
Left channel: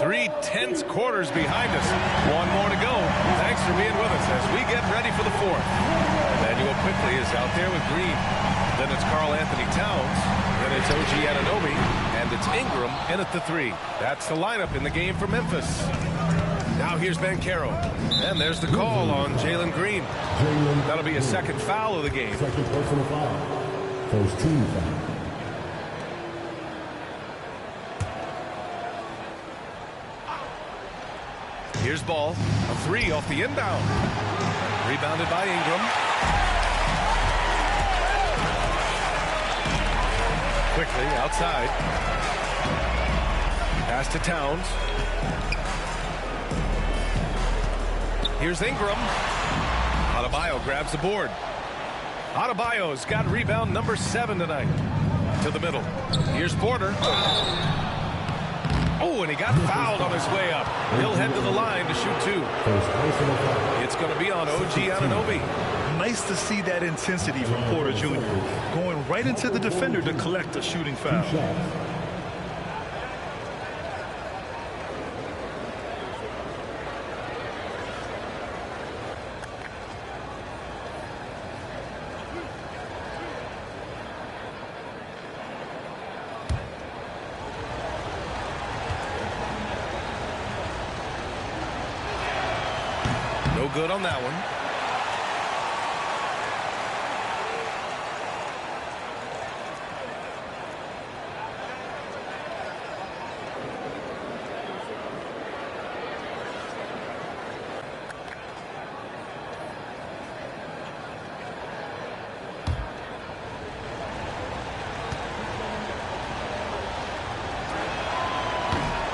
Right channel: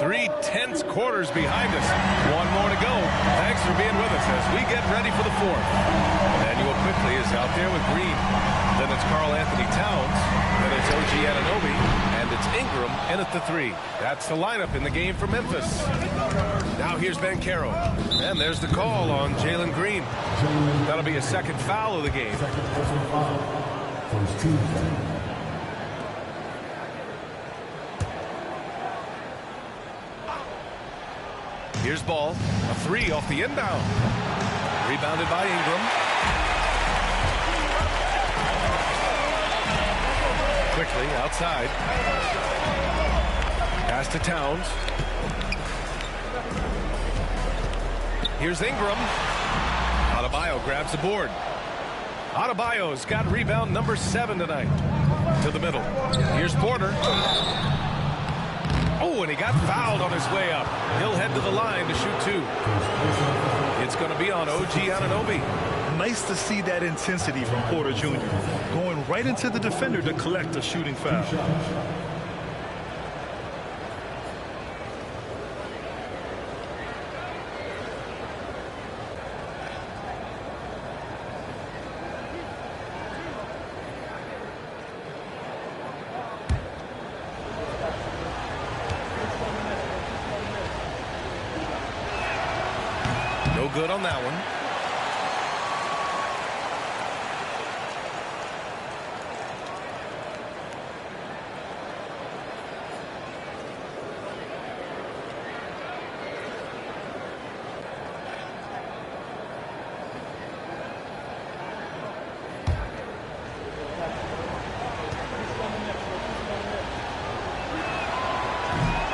Three tense quarters behind us. 1 more to go. Thanks for being with us as we get ready for the 4th. Emmanuel quickly is out there with Green. Then it's Karl Anthony Towns. Then it's OG Anunoby. And it's Ingram in at the 3. That's the lineup in the game for Memphis. Now here's Banchero. And there's the call on Jalen Green. That'll be a second foul of the game. Second personal foul. First team foul. Here's Ball. A 3 off the inbound. Rebounded by Ingram. Quickly outside. Pass to Towns. Here's Ingram. Adebayo grabs the board. Adebayo's got rebound number 7 tonight. To the middle. Here's Porter. Oh, and he got fouled on his way up. He'll head to the line to shoot 2. It's going to be on OG Anunoby. Nice to see that intensity from Porter Jr. Going right into the defender to collect a shooting foul. No good on that one.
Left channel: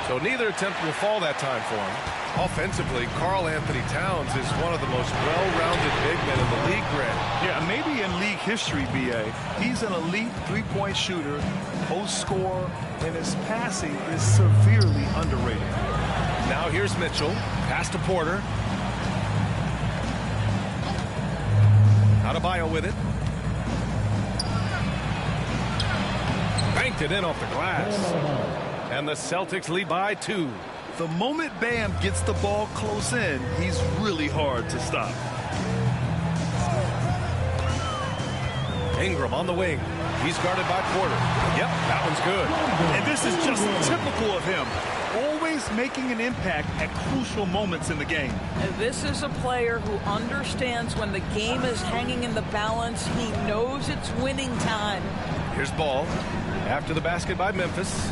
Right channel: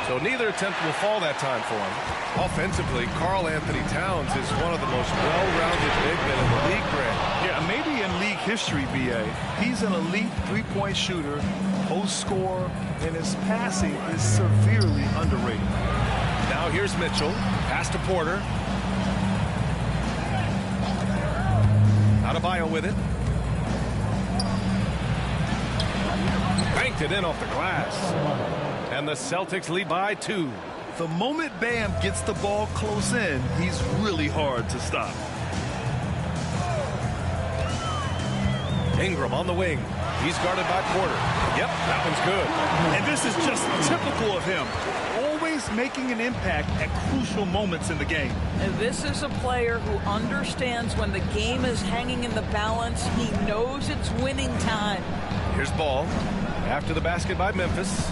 So neither attempt will fall that time for him. Offensively, Karl-Anthony Towns is one of the most well-rounded big men in the league, Grant. Yeah, maybe in league history, B.A. He's an elite three-point shooter, post scorer, and his passing is severely underrated. Now here's Mitchell. Pass to Porter. Adebayo with it. Banked it in off the glass. And the Celtics lead by 2. The moment Bam gets the ball close in, he's really hard to stop. Ingram on the wing. He's guarded by Porter. Yep, that one's good. And this is just typical of him. Always making an impact at crucial moments in the game. This is a player who understands when the game is hanging in the balance. He knows it's winning time. Here's Ball. After the basket by Memphis.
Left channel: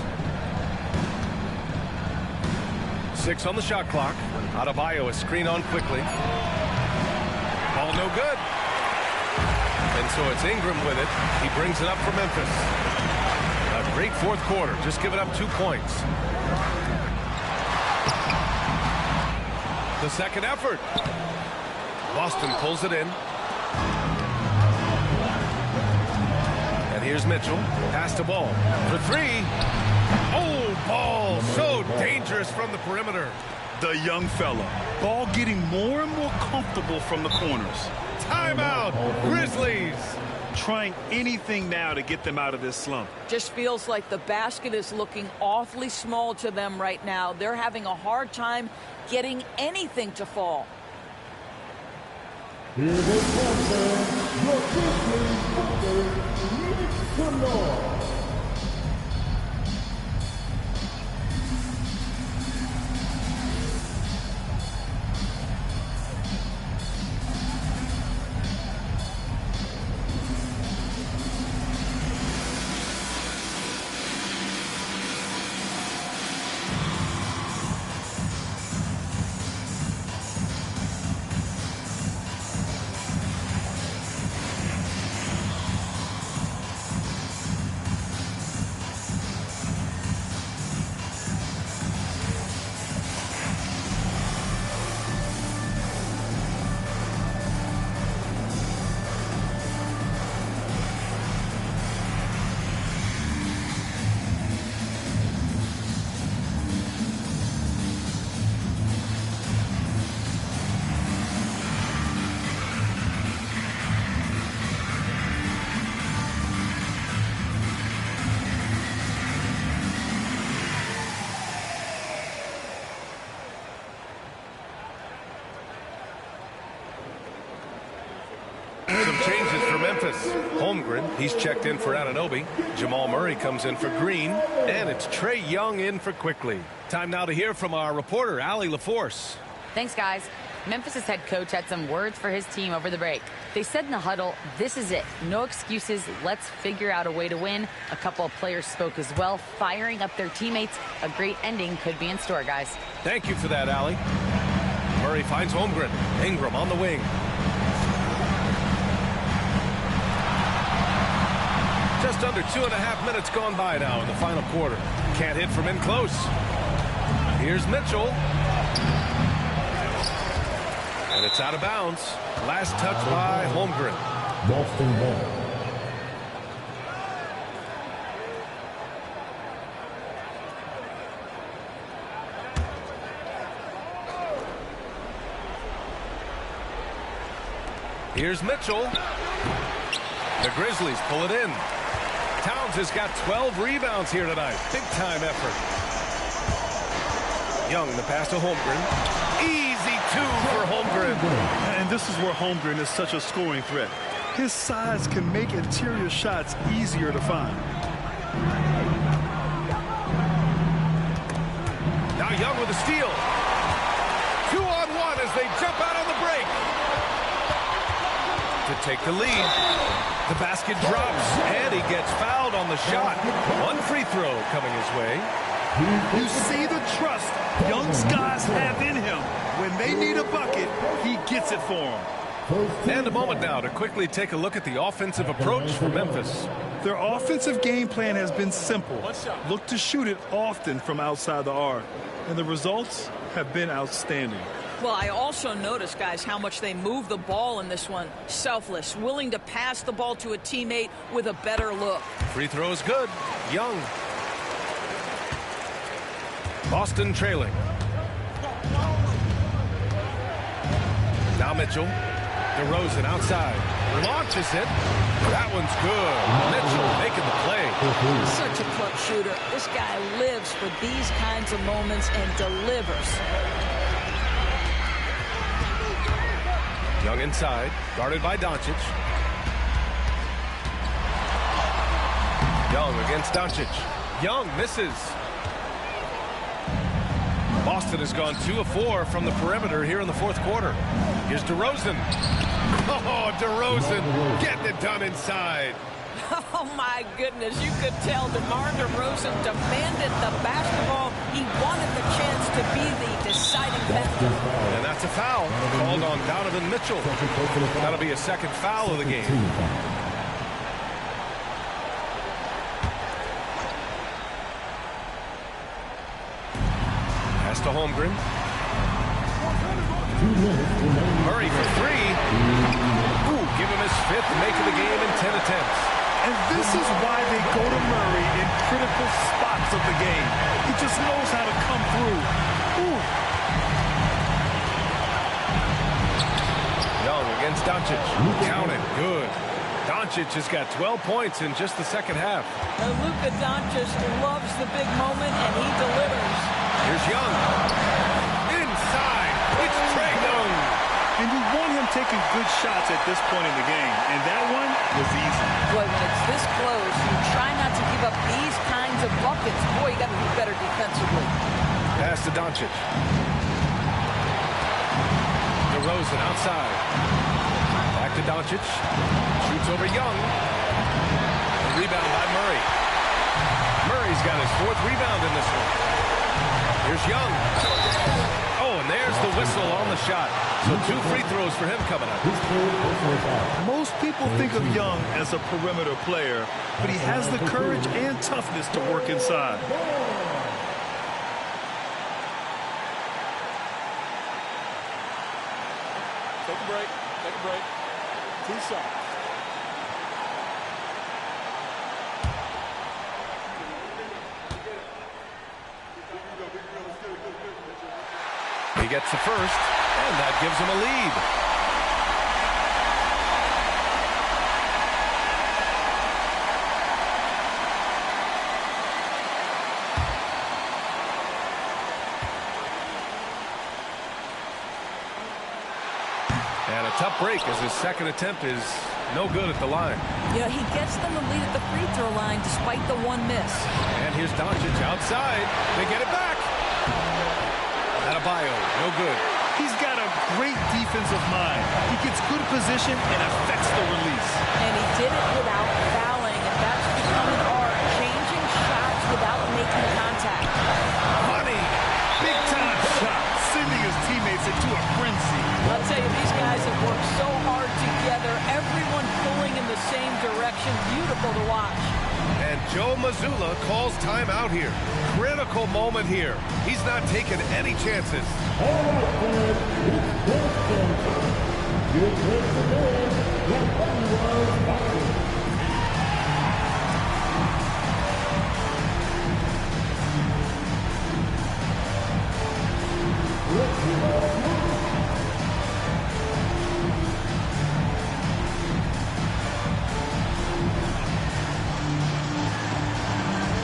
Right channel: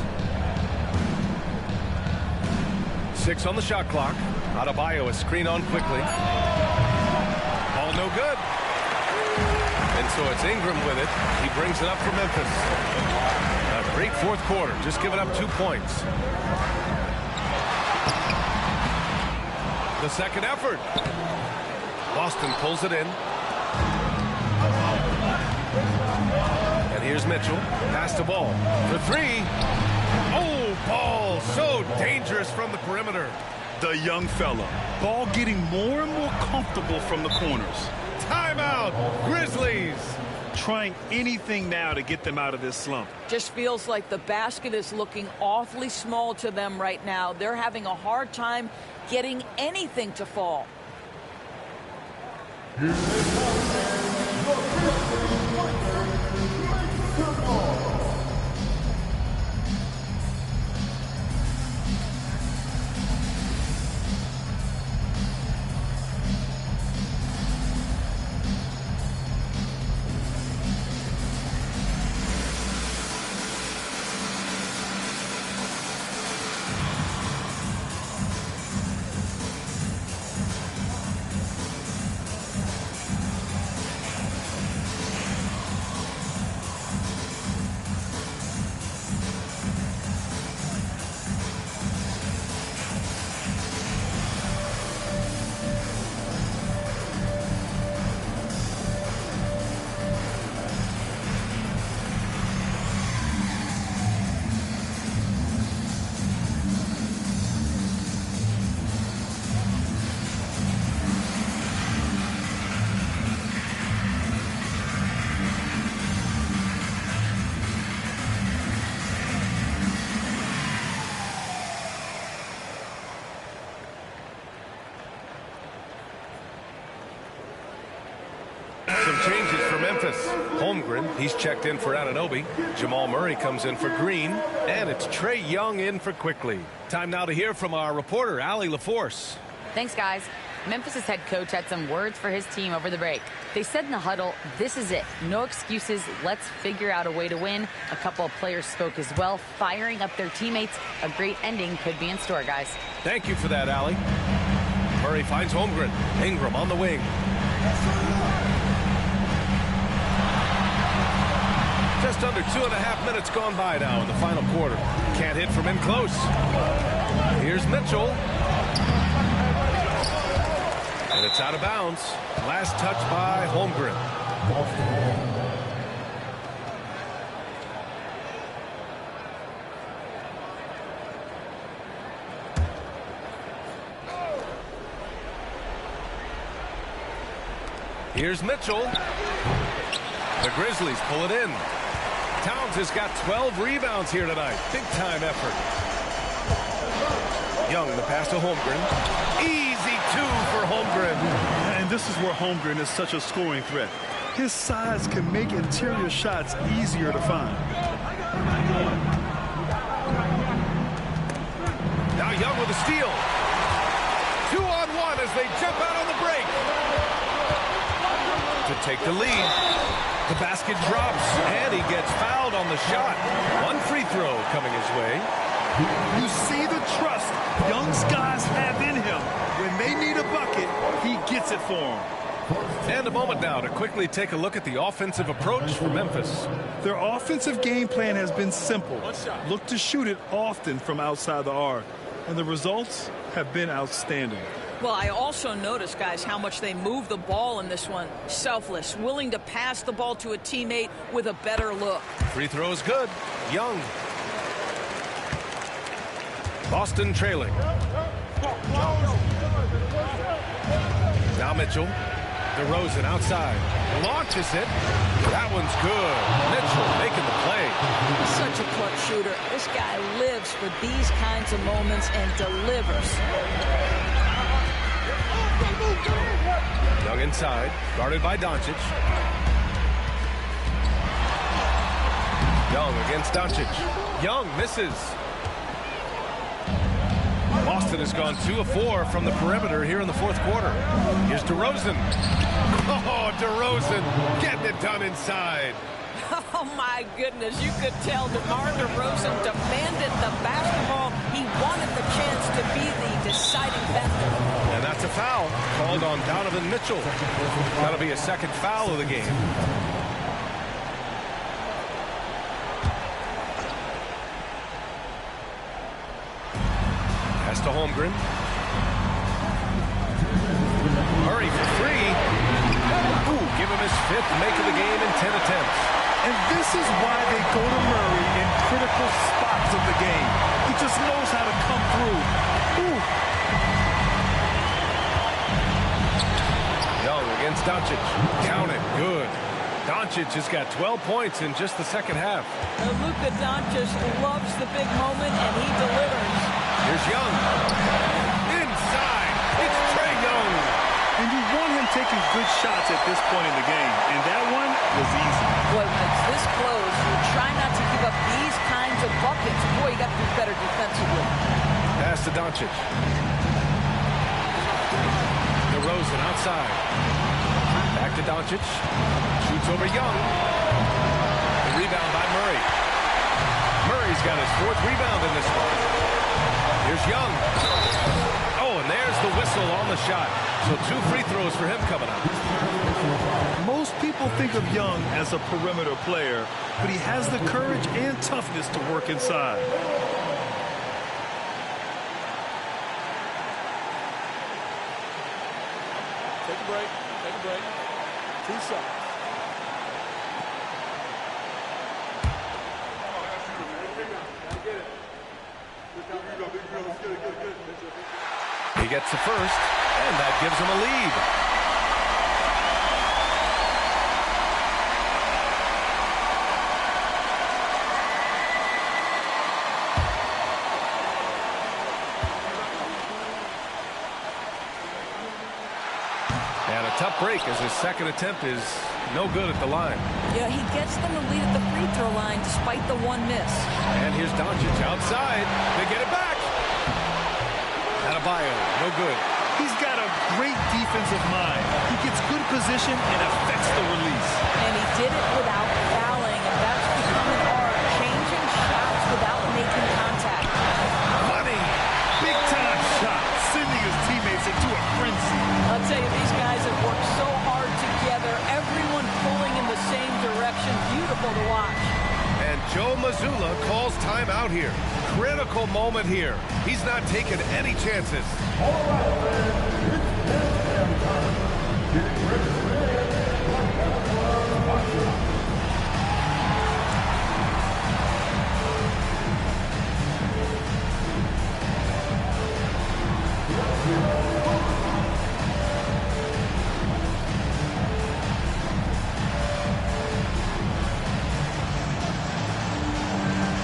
6 on the shot clock. Adebayo is screen on quickly. Ball no good. And so it's Ingram with it. He brings it up for Memphis. A great fourth quarter. Just giving up 2 points. The second effort. Boston pulls it in. And here's Mitchell. Pass to Ball for 3. Oh, Ball so dangerous from the perimeter. The young fella. Ball getting more and more comfortable from the corners. Timeout, Grizzlies. Trying anything now to get them out of this slump. Just feels like the basket is looking awfully small to them right now. They're having a hard time getting anything to fall. Here they come, man. Your Grizzlies Warriors, make some noise. Some changes for Memphis. Holmgren, he's checked in for Anunoby. Jamal Murray comes in for Green. And it's Trae Young in for Quickly. Time now to hear from our reporter, Allie LaForce. Thanks, guys. Memphis' head coach had some words for his team over the break. They said in the huddle, this is it. No excuses. Let's figure out a way to win. A couple of players spoke as well, firing up their teammates. A great ending could be in store, guys. Thank you for that, Allie. Murray finds Holmgren. Ingram on the wing. Just under 2.5 minutes gone by now in the final quarter. Can't hit from in close. Here's Mitchell. And it's out of bounds. Last touch by Holmgren. Boston ball. Here's Mitchell. The Grizzlies pull it in. Towns has got 12 rebounds here tonight. Big-time effort. Young, the pass to Holmgren. Easy two for Holmgren. And this is where Holmgren is such a scoring threat. His size can make interior shots easier to find. Now Young with a steal. 2-on-1 as they jump out on the break. To take the lead. The basket drops, and he gets fouled on the shot. One free throw coming his way. You see the trust Young's guys have in him. When they need a bucket, he gets it for them. And a moment now to quickly take a look at the offensive approach for Memphis. Their offensive game plan has been simple. Look to shoot it often from outside the arc. And the results have been outstanding. Well, I also noticed, guys, how much they move the ball in this one. Selfless, willing to pass the ball to a teammate with a better look. Free throw is good. Young. Boston trailing. Now Mitchell. DeRozan outside. Launches it. That one's good. Mitchell making the play. Such a clutch shooter. This guy lives for these kinds of moments and delivers. Young inside, guarded by Doncic. Young against Doncic. Young misses. Boston has gone 2 of 4 from the perimeter here in the fourth quarter. Here's DeRozan. Oh, DeRozan getting it done inside. Oh, my goodness. You could tell DeMar DeRozan demanded the basketball. He wanted the chance to be the deciding factor. And that's a foul called on Donovan Mitchell. That'll be a second foul of the game. Pass to Holmgren. Murray for three. Ooh, give him his 5th make of the game in 10 attempts. And this is why they go to Murray in critical spots of the game. He just knows how to come through. Ooh. Young against Doncic. Count it. Good. Doncic has got 12 points in just the second half. Luka Doncic loves the big moment, and he delivers. Here's Young. Inside. It's Trae Young. And you want him taking good shots at this point in the game. And that one was easy. Boy, when it's this close, you try not to give up these kinds of buckets. Boy, you got to do better defensively. Pass to Doncic. DeRozan outside. Back to Doncic. Shoots over Young. The rebound by Murray. Murray's got his 4th rebound in this one. Here's Young. Oh, and there's the whistle on the shot. So 2 free throws for him coming up. Most people think of Young as a perimeter player, but he has the courage and toughness to work inside. Take a break. Take a break. 2 shots. He gets the first, and that gives him a lead. And a tough break as his second attempt is no good at the line. Yeah, he gets them the lead at the free throw line despite the 1 miss. And here's Doncic outside. They get it back. Adebayo, no good. He's got a great defensive mind. He gets good position and affects the release. And he did it without fouling, and that's become an art, changing shots without making contact. Money. Big-time shot, sending his teammates into to a frenzy. I'll tell you, these guys have worked so hard together. Everyone pulling in the same direction. Beautiful to watch. And Joe Mazzulla calls timeout here. Critical moment here. He's not taking any chances. All right, man. It's dance time. Get ready to dance like everyone watching. Let's get on moving.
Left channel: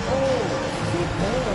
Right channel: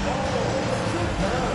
Oh, sit down.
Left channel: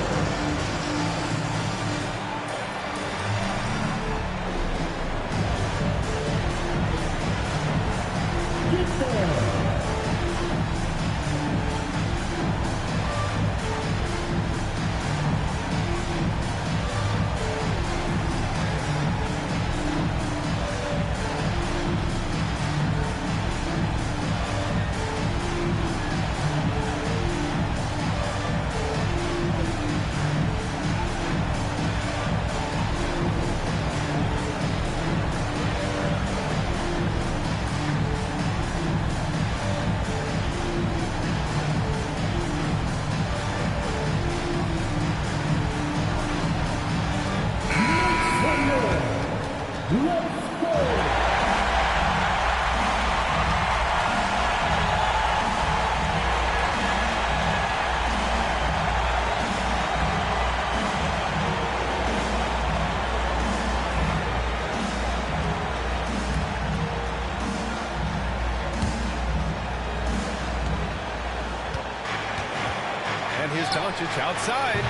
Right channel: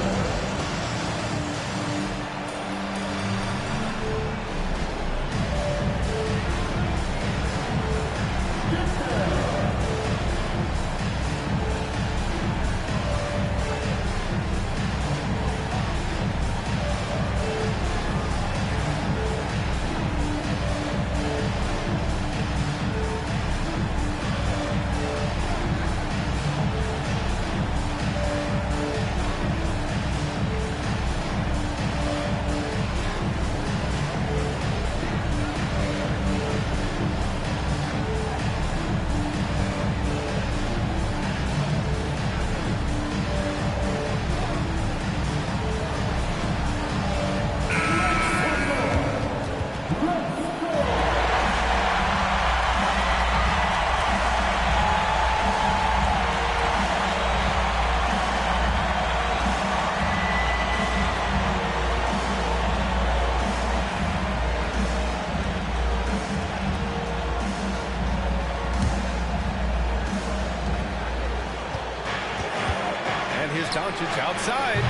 And here's Doncic outside.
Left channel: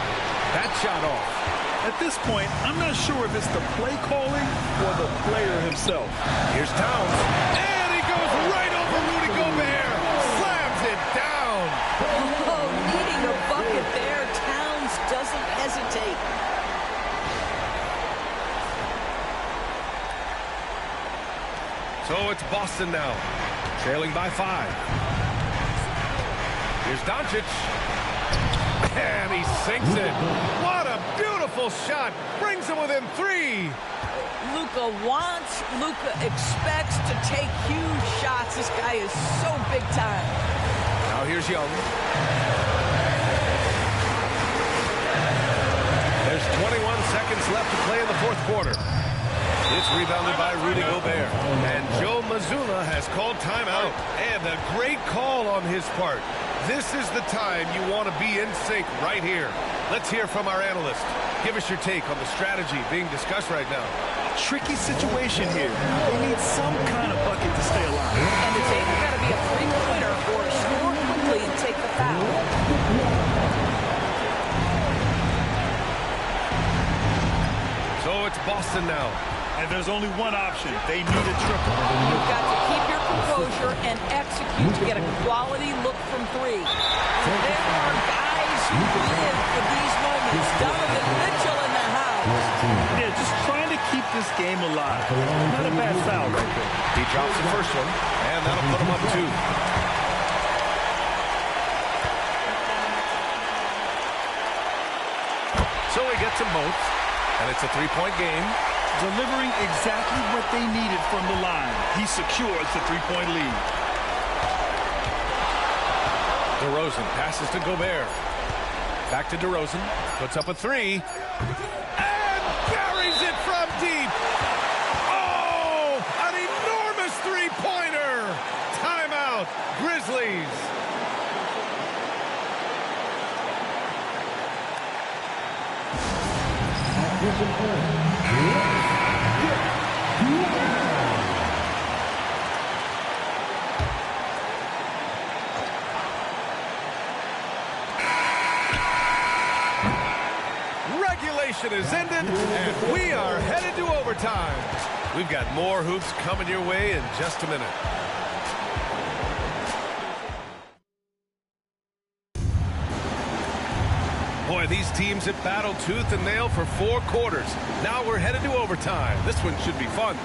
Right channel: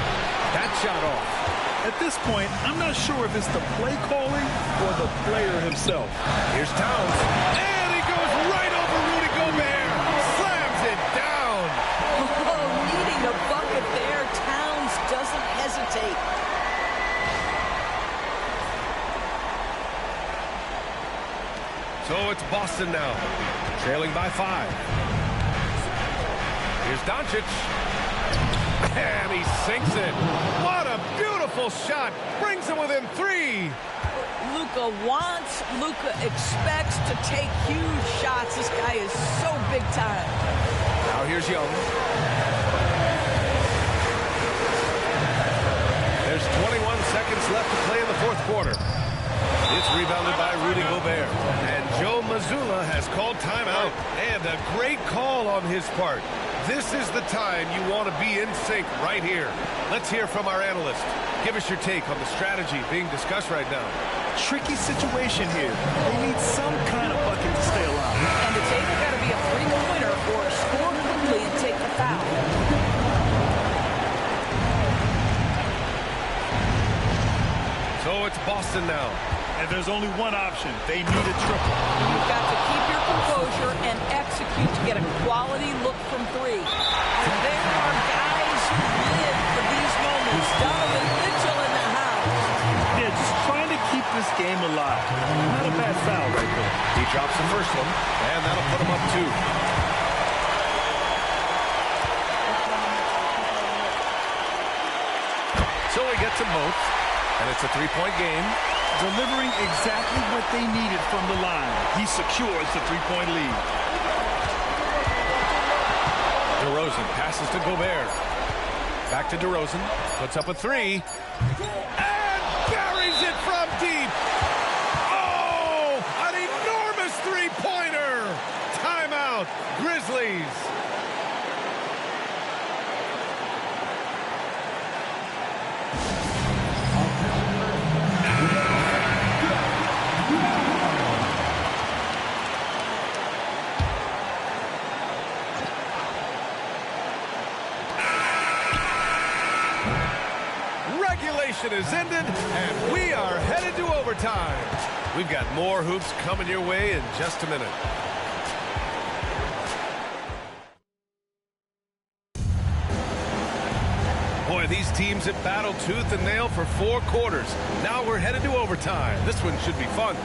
That shot off. At this point, I'm not sure if it's the play calling or the player himself. Here's Towns. And he goes right over Rudy Gobert. Slams it down. Oh, needing a bucket there. Towns doesn't hesitate. So it's Boston now, trailing by 5. Here's Doncic. And he sinks it. What a beautiful shot. Brings him within 3. Luka wants, Luka expects to take huge shots. This guy is so big time. Now here's Young. There's 21 seconds left to play in the fourth quarter. It's rebounded by Rudy Gobert. And Joe Mazzulla has called timeout. And a great call on his part. This is the time you want to be in sync right here. Let's hear from our analyst. Give us your take on the strategy being discussed right now. Tricky situation here. They need some kind of bucket to stay alive. And it's either got to be a three-pointer or score quickly and take the foul. So it's Boston now. And there's only one option. They need a triple. You've got to keep your composure and execute to get a quality look from 3. There are guys who live for these moments. Donovan Mitchell in the house. Yeah, just trying to keep this game alive. Not a bad foul right there. He drops the first one, and that'll put him up 2. So he gets them both, and it's a 3-point game. Delivering exactly what they needed from the line. He secures the 3-point lead. DeRozan passes to Gobert. Back to DeRozan. Puts up a 3. And buries it from deep. Oh, an enormous 3-pointer. Timeout, Grizzlies. Regulation is ended, and we are headed to overtime. We've got more hoops coming your way in just a minute. Boy, these teams have battled tooth and nail for 4 quarters. Now we're headed to overtime. This one should be fun.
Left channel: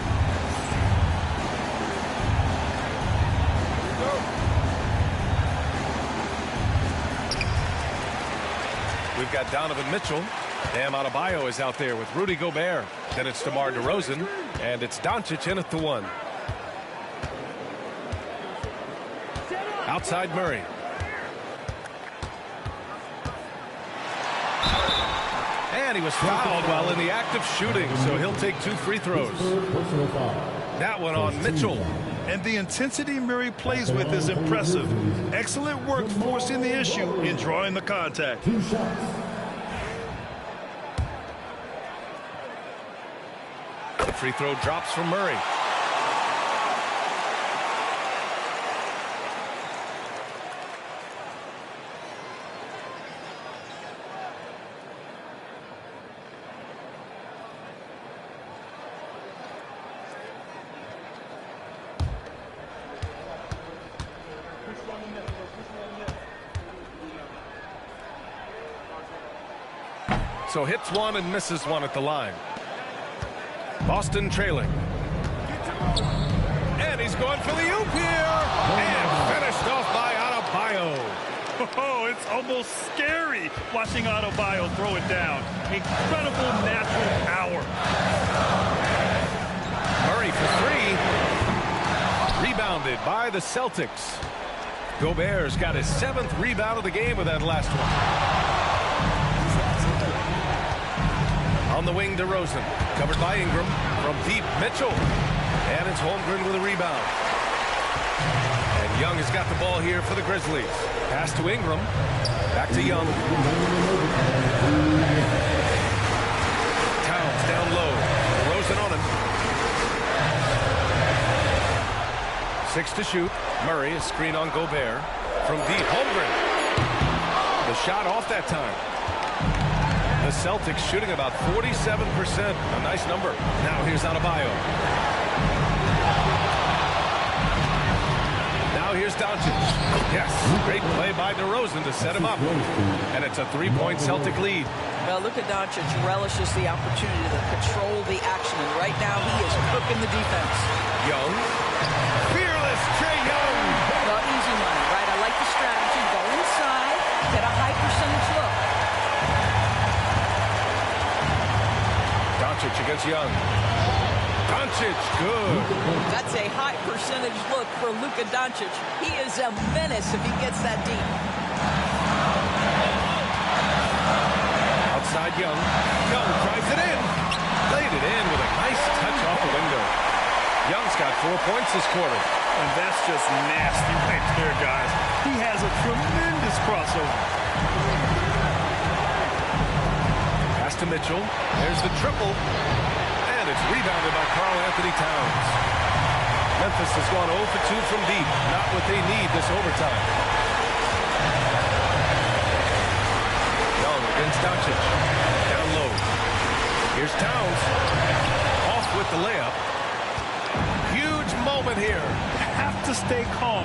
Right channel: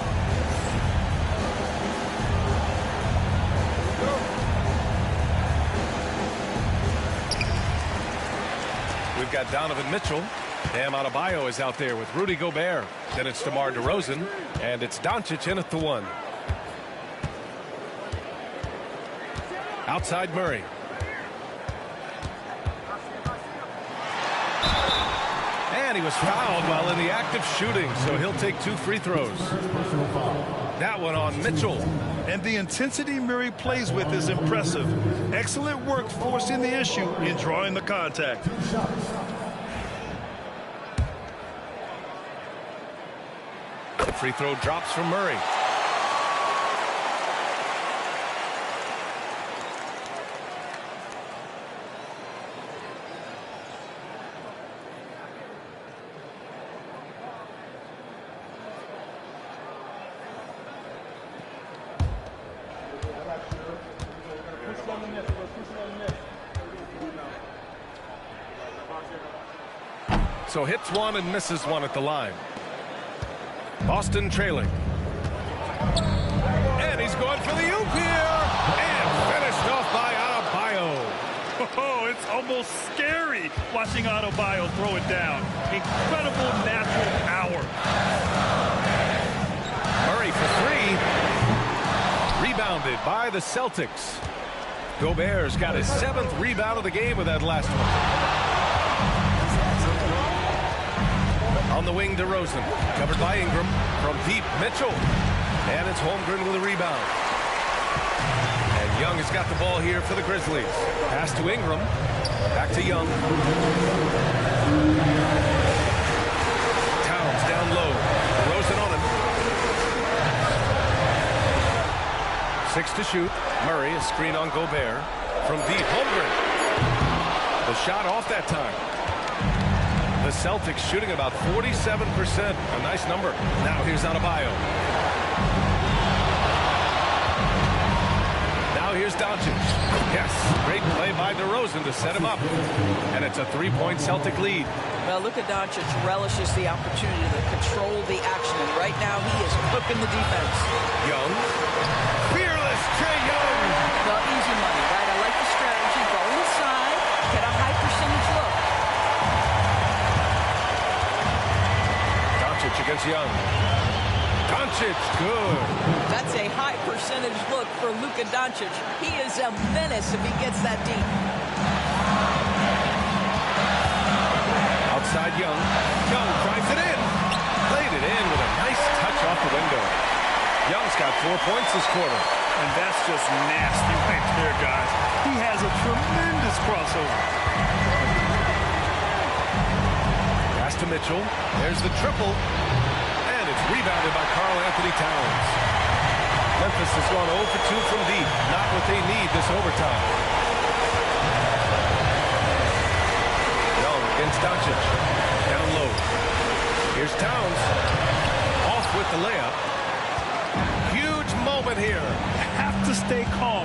We've got Donovan Mitchell Bam Adebayo is out there with Rudy Gobert. Then it's DeMar DeRozan, and it's Doncic in at the one. Outside Murray. And he was fouled while in the act of shooting, so he'll take 2 free throws. That one on Mitchell. And the intensity Murray plays with is impressive. Excellent work forcing the issue and drawing the contact. 2 shots. The free throw drops from Murray. So hits one and misses one at the line. Boston trailing. And he's going for the oop here. And finished off by Adebayo. Oh, it's almost scary watching Adebayo throw it down. Incredible natural power. Murray for 3. Rebounded by the Celtics. Gobert's got his 7th rebound of the game with that last one. On the wing, DeRozan, covered by Ingram. From deep, Mitchell. And it's Holmgren with a rebound. And Young has got the ball here for the Grizzlies. Pass to Ingram. Back to Young. Towns down low. DeRozan on him. 6 to shoot. Murray, a screen on Gobert. From deep, Holmgren. The shot off that time. The Celtics shooting about 47%. A nice number. Now here's Adebayo. Now here's Doncic. Yes, great play by DeRozan to set him up. And it's a 3-point Celtic lead. Well, Luka Doncic relishes the opportunity to control the action, and right now he is cooking the defense. Young. Fearless Trae Young. Well, easy money, right? I like the strategy. Go inside, get a high percentage look. Doncic against Young. Doncic, good. That's a high percentage look for Luka Doncic. He is a menace if he gets that deep. Outside Young. Young drives it in. Played it in with a nice touch off the window. Young's got 4 points this quarter. And that's just nasty right there, guys. He has a tremendous crossover. Pass to Mitchell. There's the triple. And it's rebounded by Karl Anthony Towns. Memphis has gone 0 for 2 from deep. Not what they need this overtime. Young against Doncic. Down low. Here's Towns. Off with the layup. Huge moment here. Have to stay calm.